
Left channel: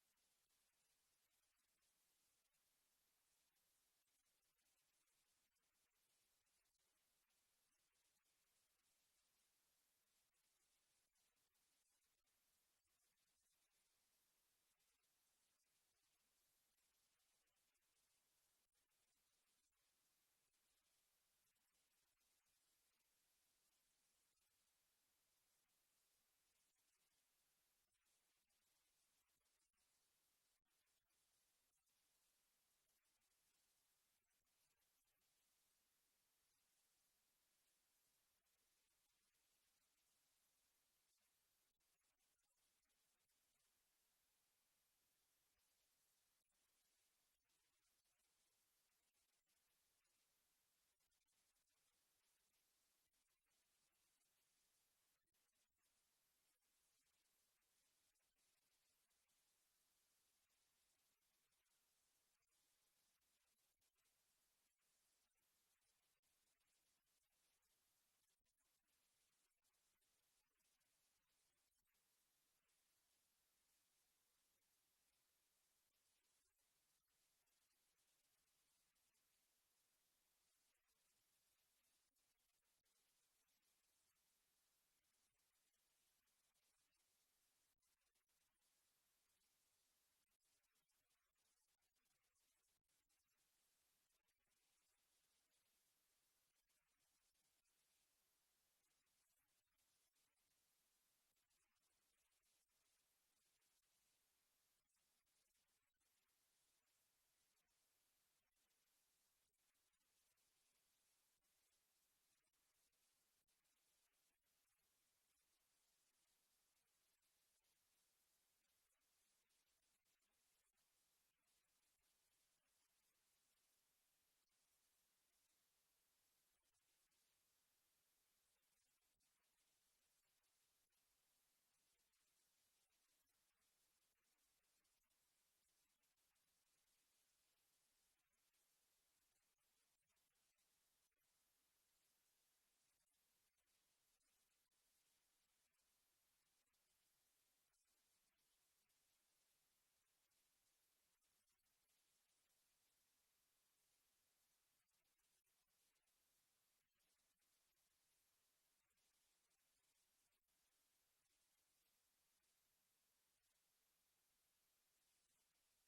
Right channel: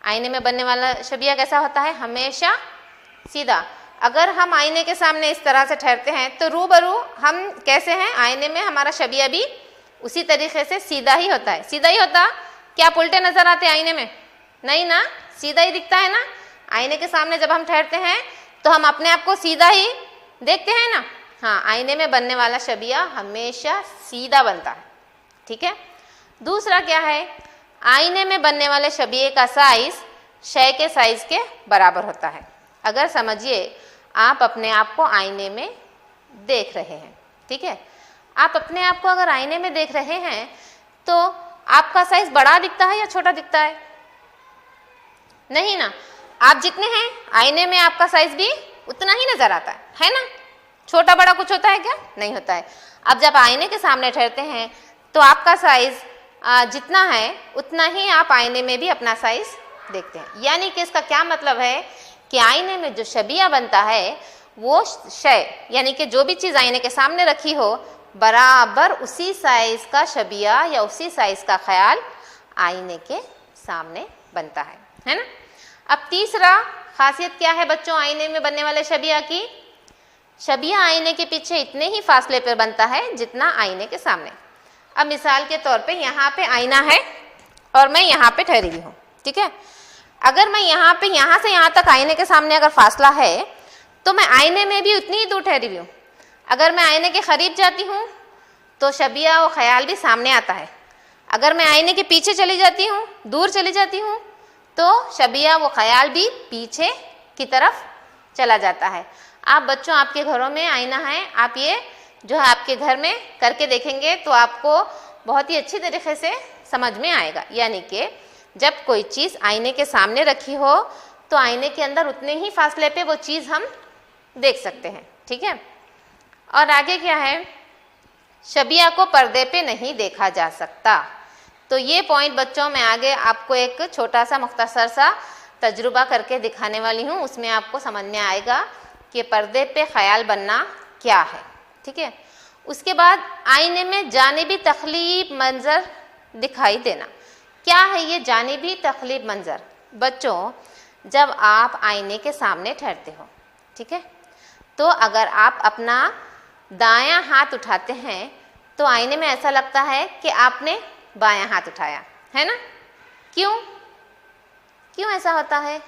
आईने में बनने वाला शबिया कैसा होता है? हमेशा सीधा। अगर हम आईने के सामने इस तरह से ठहरते हैं तो रूबरू हम कैसे हैं? आईने में हमारा शबिया भी उसी तरीके से सीधा ही होता है। सीधा ही होता, क्या आप उल्टे नजर आते हैं आईने में? नहीं ना, सीधा ही दिखता है ना। आईने के सामने जब हम ठहरते हैं तो हम अपने आप को सीधा ही देखते हैं ना। हाँ, आईने में बनने वाला शबिया हमेशा सीधा बनता है। ठीक है। दूसरा क्या है? आईने में बनने वाले शबिये का साइज शय के साइज के बराबर होता है। अगर समझिए आप अपने आप को आईने में देख रहे हैं, ठीक है, आप अपने आप को अगर आईने में देख रहे हैं तो आपका साइज बड़ा दिखता है या छोटा दिखता है? नहीं ना, आप जितने हैं आईने में आपका साइज भी उतना ही नजर आता है ना। छोटा बड़ा कुछ होता है क्या? नहीं होता है। अब जब आईने के सामने ठहरते हैं तो आपका साइज जितना है उतना ही आप आईने में भी अपना साइज देखते हैं। यानी कि इसका क्या मतलब है कि आईने में जो शबिया बनता है वो शय, यानी कि जो भी चीज़ आईने के सामने रखी हो बराबर उसी साइज का शबिया या उसी साइज का ख्याल आईने के सामने बनता है ना। अब तीसरा खासियत क्या है बच्चों आईने में बनने वाले शबिया की? शबिया आईने के पीछे इतने ही फासले पर बनता है जितना आईने के सामने। अब मिसाल के तौर पे यहाँ पे आईना है और मैं यहाँ पे ठहरी हुई हूँ, ठीक है। अगर मैं यहाँ से यहाँ तक आईने के सामने अगर फासला है तो मैं आईने में भी उतनी ही दूर ठहरी हुई हूँ। अगर मैं आईने के करीब जाती हूँ तो शबिया वो ख्याल भी सामने आता है। अगर मैं आईने के पीछे चली जाती हूँ, दूर चली जाती हूँ, तो शबिया वो ख्याल भी पीछे की तरफ चला जाता है। आप बच्चों, आपके घरों में आईना है, आप ये जो है आपके घर में करके देखेंगे तो आपको बहुत ही अच्छी तरीके से समझ में आएगा। यानी कि जब कोई चीज़ आईने के सामने रखी हो तो आईने के अंदर उतने ही फासले पे वो चीज़ हम देख सकते हैं, ठीक है। और आगे क्या है? शबिया को पर्दे पे नहीं देखा जा सकता। तो ये पॉइंट बच्चों मैं आगे आपको एक छोटा सा मुख्तसर सा तजुर्बा करके दिखाने वाली हूँ, उसमें आपको समझ में आएगा कि पर्दे पे ख्याल बनना क्या है, ठीक है। उसके बाद आईने में जानिबी तख्लीब मंजर दिखाई देना। क्या है ये जानिबी तख्लीब मंजर? बच्चों, जब आप आईने के सामने ठहरते हो, ठीक है, तो अगर आप अपना दायां हाथ उठाते हैं तो आईने में ऐसा लगता है कि आपने बायां हाथ उठाया है ना। क्यों ऐसा होता है?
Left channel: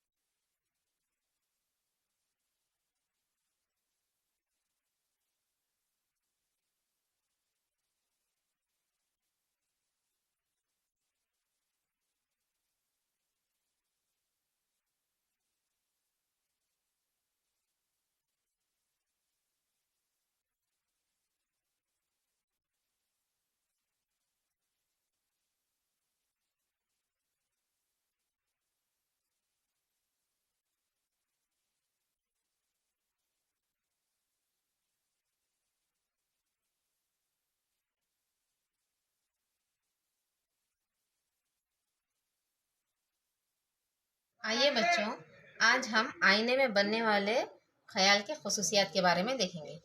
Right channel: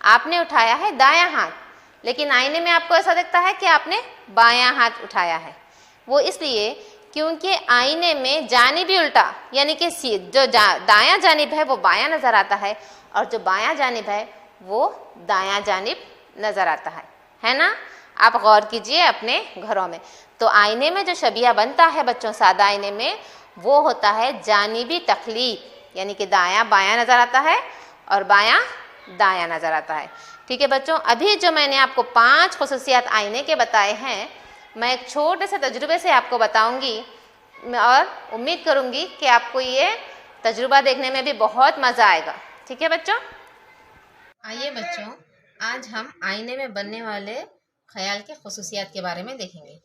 आपने उठाया है दायां हाथ, लेकिन आईने में आपको ऐसा दिखता है कि आपने बायां हाथ उठाया है। वो इसलिए क्योंकि आईने में जानिबी उल्टा, यानी कि जो दायां जानिब है वो बायां नज़र आता है और जो बायां जानिब है वो दायां जानिब नज़र आता है ना। आप गौर कीजिए अपने घरों में। तो आईने में जो शबिया बनता है बच्चों सादा आईने में, वो होता है जानिबी तख्लीब, यानी कि दायां बायां नज़र आता है और बायां दायां नज़र आता है, ठीक है बच्चों। अभी जो मैंने आपको 5 खुसूसियात आईने के बताए हैं, मैं एक छोटे से तजुर्बे से आपको बताऊंगी और उम्मीद करूंगी कि आपको ये तजुर्बा देखने में भी बहुत मज़ा आएगा, ठीक है बच्चों। आइए बच्चों, आज हम आईने में बनने वाले ख्याल के खुसूसियात के बारे में देखेंगे।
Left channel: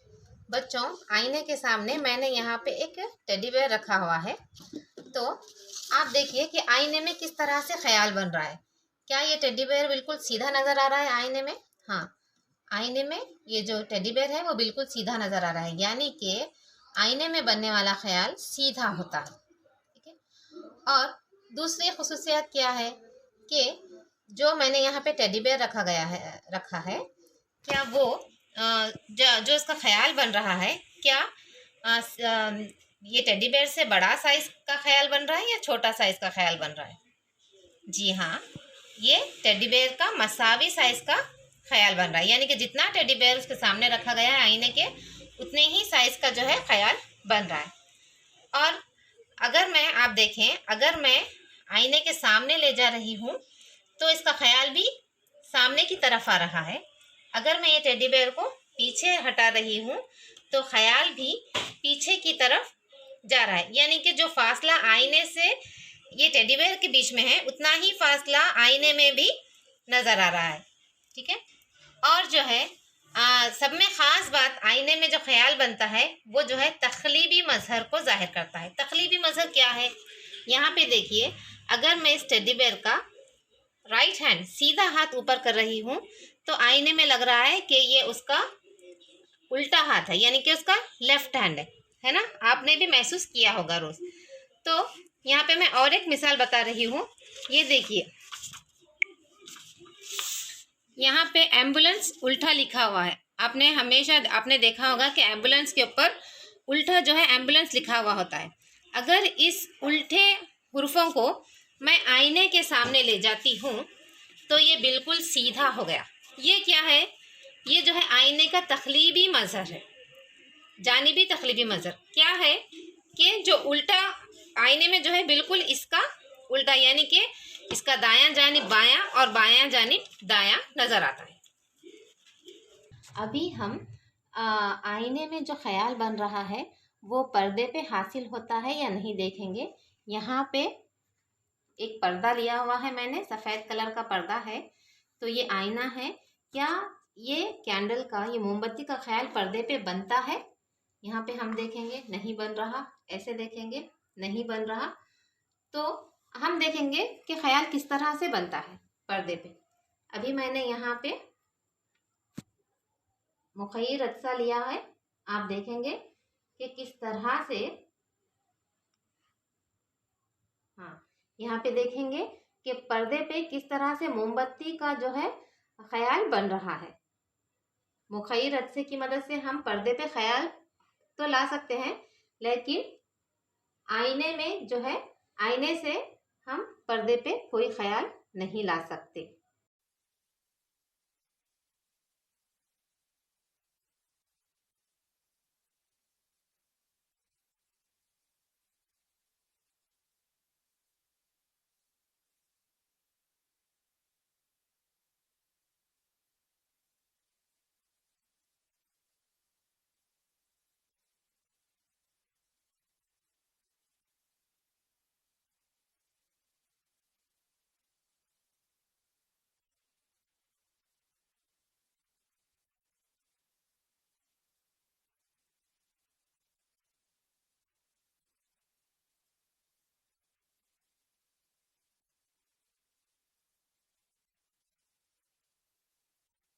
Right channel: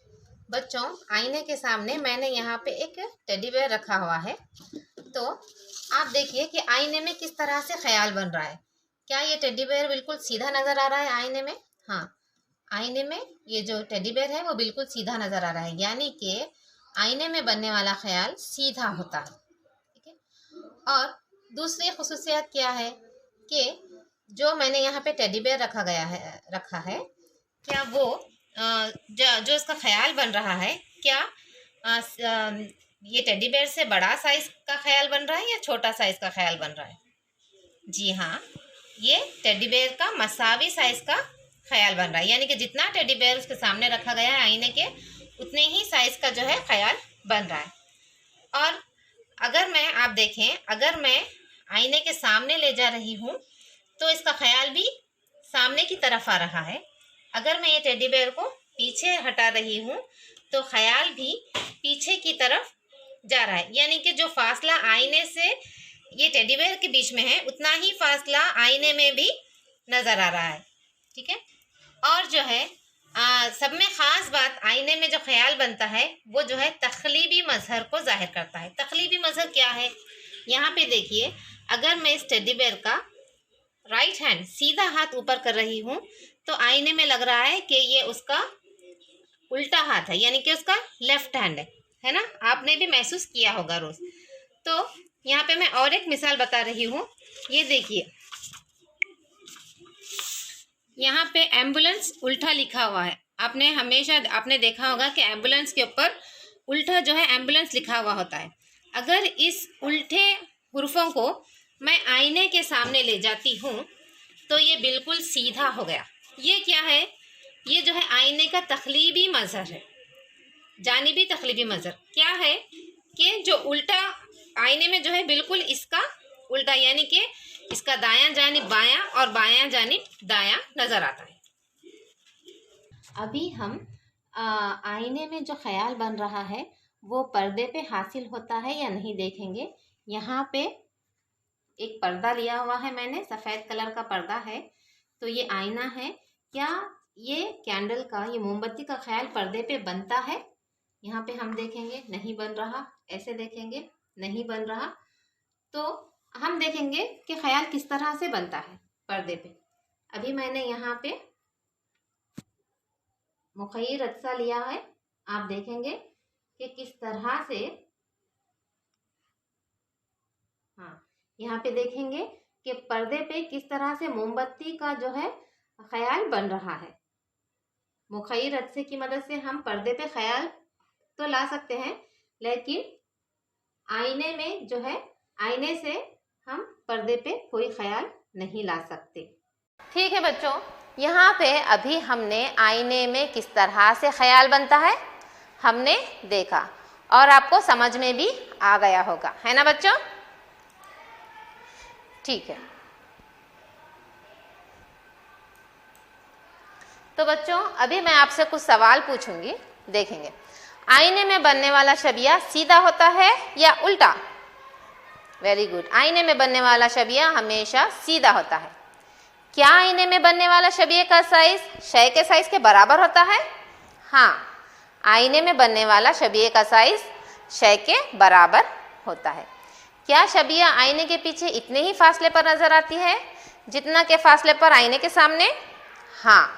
बच्चों, आईने के सामने मैंने यहाँ पे एक टेडी बेयर रखा हुआ है। तो आप देखिए कि आईने में किस तरह से ख्याल बन रहा है। क्या ये टेडी बेयर बिल्कुल सीधा नज़र आ रहा है आईने में? हाँ, आईने में ये जो टेडी बेयर है वो बिल्कुल सीधा नज़र आ रहा है, यानी कि आईने में बनने वाला ख्याल सीधा होता है, ठीक है। और दूसरी खुसूसियत क्या है कि जो मैंने यहाँ पे टेडी बेयर रखा है, क्या वो जो इसका ख्याल बन रहा है, क्या ये टेडी बेयर से बड़ा साइज का ख्याल बन रहा है या छोटा साइज का ख्याल बन रहा है? जी हाँ, ये टेडी बेयर का मसावी साइज का ख्याल बन रहा है, यानी कि जितना टेडी बेयर उसके सामने रखा गया है आईने के, उतने ही साइज का जो है ख्याल बन रहा है। और आप देखें, अगर मैं आईने के सामने ले जा रही हूँ तो इसका ख्याल भी सामने की तरफ आ रहा है। अगर मैं ये टेडी बेयर को पीछे हटा रही हूँ तो ख्याल भी पीछे की तरफ जा रहा है, यानी कि जो फासला आईने से ये टेडी बेयर के बीच में है उतना ही फासला आईने में भी नज़र आ रहा है। ठीक है, और जो है सब में ख़ास बात, आईने में जो ख्याल बनता है वो जो है तख्लीबी मजहर को जाहिर करता है। तख्लीबी मजहर क्या है, यहाँ पे देखिए, अगर मैं इस टेडी बेयर का राइट हैंड सीधा हाथ ऊपर कर रही हूँ तो आईने में लग रहा है कि ये उसका उल्टा हाथ है, यानी कि उसका लेफ्ट हैंड है ना। आपने भी महसूस किया होगा रोज़। तो यहाँ पे मैं और एक मिसाल बता रही हूँ। ये देखिए, यहाँ पे एम्बुलेंस उल्टा लिखा हुआ है। आपने देखा होगा कि एम्बुलेंस के ऊपर उल्टा जो है एम्बुलेंस लिखा हुआ होता है। अगर इस उल्टे हुर्फों को मैं आईने के सामने ले जाती हूँ तो ये बिल्कुल सीधा हो गया। ये क्या है, ये जो है आईने का तख्लीबी मजहर है, जानिबी तख्लीबी मजहर। क्या है कि जो उल्टा आईने में जो है बिल्कुल इसका उल्टा, यानी कि इसका दायां जानिब बायां और बायां जानिब दायां नज़र आता है। अभी हम आईने में जो ख्याल बन रहा है वो पर्दे पे हासिल होता है या नहीं देखेंगे। यहाँ पे एक पर्दा लिया हुआ है मैंने, सफ़ेद कलर का पर्दा है। तो ये आईना है, क्या ये कैंडल का, ये मोमबत्ती का ख्याल पर्दे पे बनता है? यहाँ पे हम देखेंगे नहीं बन रहा, ऐसे देखेंगे नहीं बन रहा। तो हम देखेंगे कि ख्याल किस तरह से बनता है पर्दे पे। अभी मैंने यहाँ पे मुखय्यर रत्सा लिया है, आप देखेंगे कि किस तरह से, हाँ यहाँ पे देखेंगे कि पर्दे पे किस तरह से मोमबत्ती का जो है ख्याल बन रहा है। मुखय्यर रत्से की मदद से हम पर्दे पे ख्याल तो ला सकते हैं, लेकिन आईने में जो है, आईने से हम पर्दे पे कोई ख्याल नहीं ला सकते। ठीक है बच्चों, यहाँ पे अभी हमने आईने में किस तरह से ख्याल बनता है हमने देखा और आपको समझ में भी आ गया होगा, है ना बच्चों? ठीक है, तो बच्चों अभी मैं आपसे कुछ सवाल पूछूंगी, देखेंगे। आईने में बनने वाला शबिया सीधा होता है या उल्टा? वेरी गुड, आईने में बनने वाला शबिया हमेशा सीधा होता है। क्या आईने में बनने वाला शबिया का साइज शय के साइज के बराबर होता है? हाँ, आईने में बनने वाला शबिया का साइज शय के बराबर होता है। क्या शबिया आईने के पीछे इतने ही फासले पर नजर आती है जितना के फासले पर आईने के सामने? हाँ,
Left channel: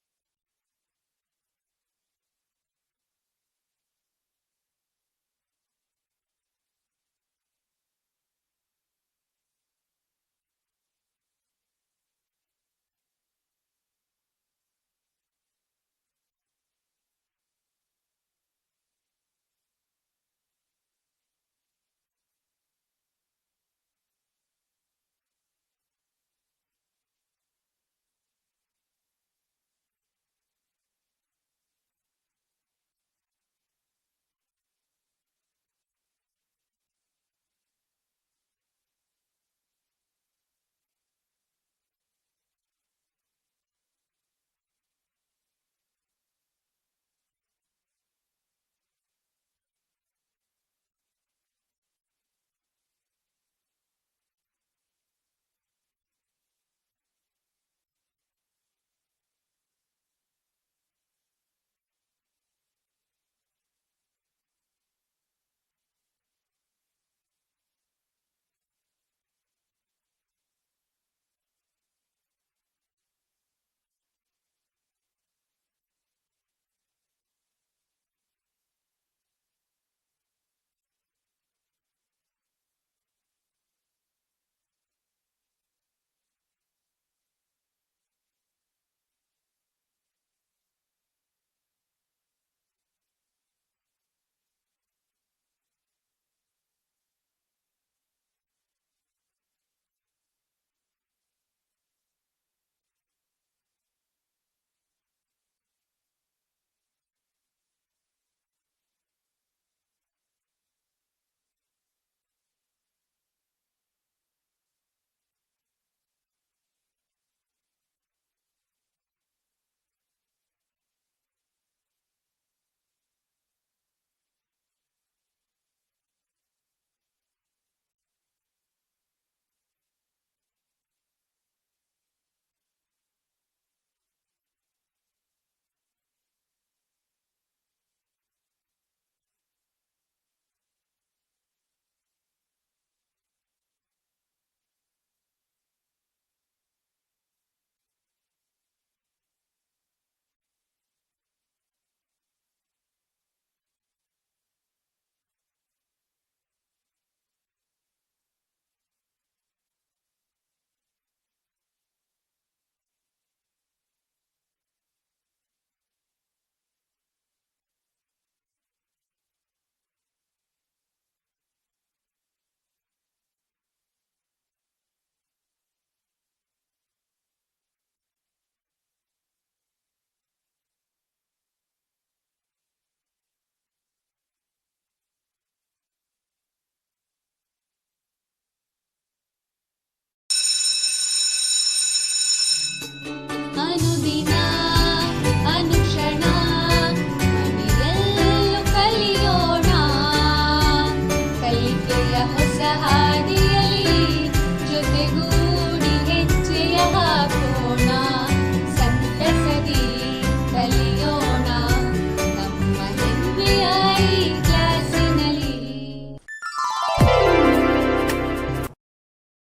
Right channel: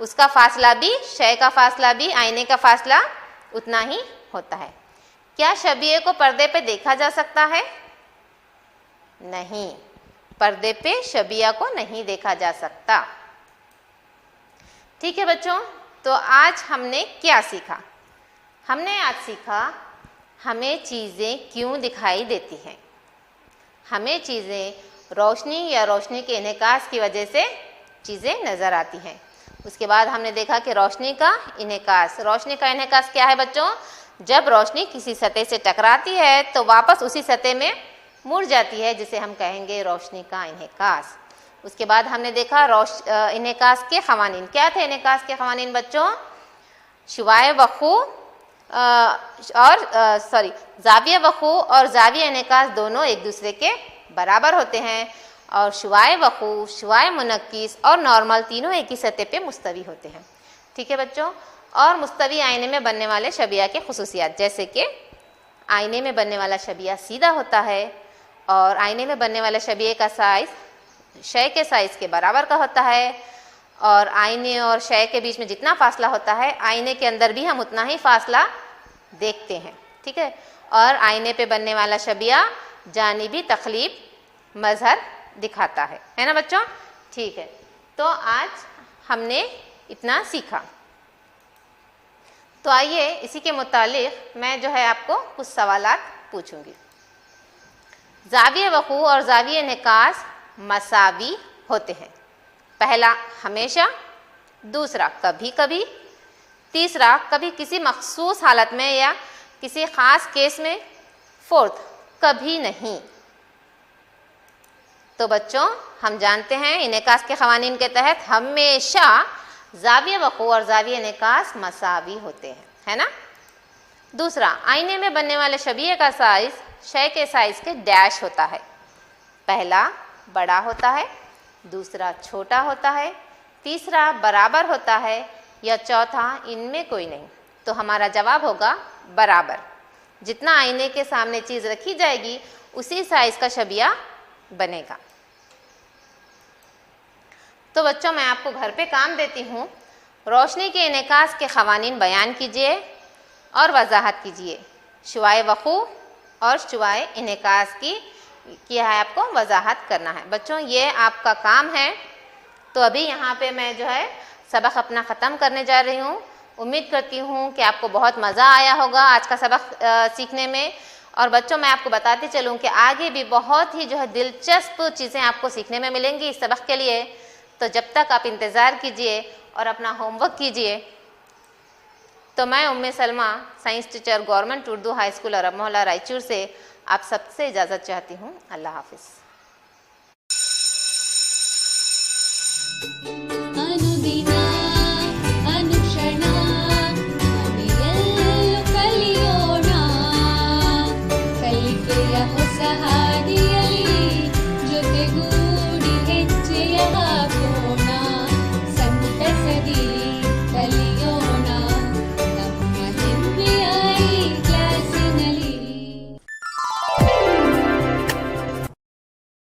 उसका फासला भी, शय का फासला भी आईने का फासला उतना ही होता है। क्या शबिये को पर्दे पे देखा जा सकता है? नहीं, पर्दे पे शबिया को नहीं देखा जा सकता। ठीक है बच्चों, तो आज हमने क्या सीखा? हमने आज सीखा हमें चीज़ें क्यों दिखाई देती हैं। हमें चीज़ें रोशनी या रोशनी के इन्हेकास की वजह से चीज़ें नज़र आती हैं। उसके बाद हमने देखा कि रोशनी का इन्हेकास, रोशनी का इन्हेकास क्या है बच्चों? जब रोशनी किसी सतह से टकराती है तो वापस उसी सतह में मुड़ जाती है, जिसे हम कहेंगे रोशनी का इन्हेकास। उसके बाद हमने देखा इन्हेकास के ख़वानीन। क्या थे इन्हेकास के ख़वानीन बच्चों? शुआए वक़ू ज़ाविया वक़ू और ज़ाविया इन्हेकास दोनों एक दूसरे के बराबर होते हैं, और शुआए वक़ू, शुआए मुनक्किस और नॉर्मल तीनों एक ही सतह पे मुस्तवी होते हैं। ठीक है बच्चों, और मुस्तवी आईने में बनने वाले शबिया के खुसूसियात, जैसे कि आईने में बनने वाला शबिया सीधा होता है और आईने में बनने वाले शबिये का साइज़ शय के साइज़ के बराबर का होता है, और आईने और शय के बीच में जितना फासला होता है आईने के अंदर भी हम उतना ही फासला देखते हैं। ठीक है, और आईने पे बनने वाला शबिया जानिबी तख्लीब मजहर दिखाता है ना बच्चों? ठीक है, तो आज हमने इतना सीखा। तो आइए इसी के मुतालिक मैं जो है आपको कुछ सवालात पूछूंगी। ज़ाविया वक़ू और ज़ाविया इन्हेकास मसावी होते हैं। पहला हमेशा, दूसरा कभी कभी, तीसरा कभी किसी मखसूस हालत में या किसी ख़ास केस में, फोर्थ कभी नहीं। तो बच्चों हम जानते हैं इन्हेकास के क़वानीन के तहत हमेशा ज़ाविया वक़ू और ज़ाविया इन्हेकास मसावी होते हैं। है ना। दूसरा, आईने में बनने वाले शबीहे का साइज शय के साइज के डैश होता है। पहला बड़ा होता है, दूसरा छोटा होता है, तीसरा बराबर होता है, या चौथा इनमें कोई नहीं। तो हमारा जवाब होगा बराबर। जितना आईने के सामने चीज़ रखी जाएगी उसी साइज का शबिया बनेगा। तो बच्चों, मैं आपको घर पे काम देती हूँ। रोशनी के इनेकास के क़वानीन बयान कीजिए और वजाहत कीजिए। शुआए वक़ू और शुआए इनेकास की है आपको वजाहत करना है। बच्चों, ये आपका काम है। तो अभी यहाँ पे मैं जो है सबक अपना ख़त्म करने जा रही हूँ। उम्मीद करती हूँ कि आपको बहुत मज़ा आया होगा आज का सबक सीखने में। और बच्चों, मैं आपको बताती चलूँ कि आगे भी बहुत ही जो है दिलचस्प चीज़ें आपको सीखने में मिलेंगी इस सबक के लिए। तो जब तक आप इंतज़ार कीजिए और अपना होमवर्क कीजिए। तो मैं Umme Salma, science teacher, government Urdu high school Arab Mohalla Raichur से आप सबसे इजाज़त चाहती हूँ। अल्लाह हाफिज़। अनुदिನ ಅನುಕ್ಷಣ ಮನೆಯಲ್ಲೂ ಕಲಿಯೋಣ, ಕಲಿಕೆಯ ಹೊಸ ಹಾದಿಯಲ್ಲಿ ಜೊತೆಗೂಡಿ ಹೆಜ್ಜೆಯ ಹಾಕೋಣ, ಸಂತಸದಿ ಕಲಿಯೋಣ.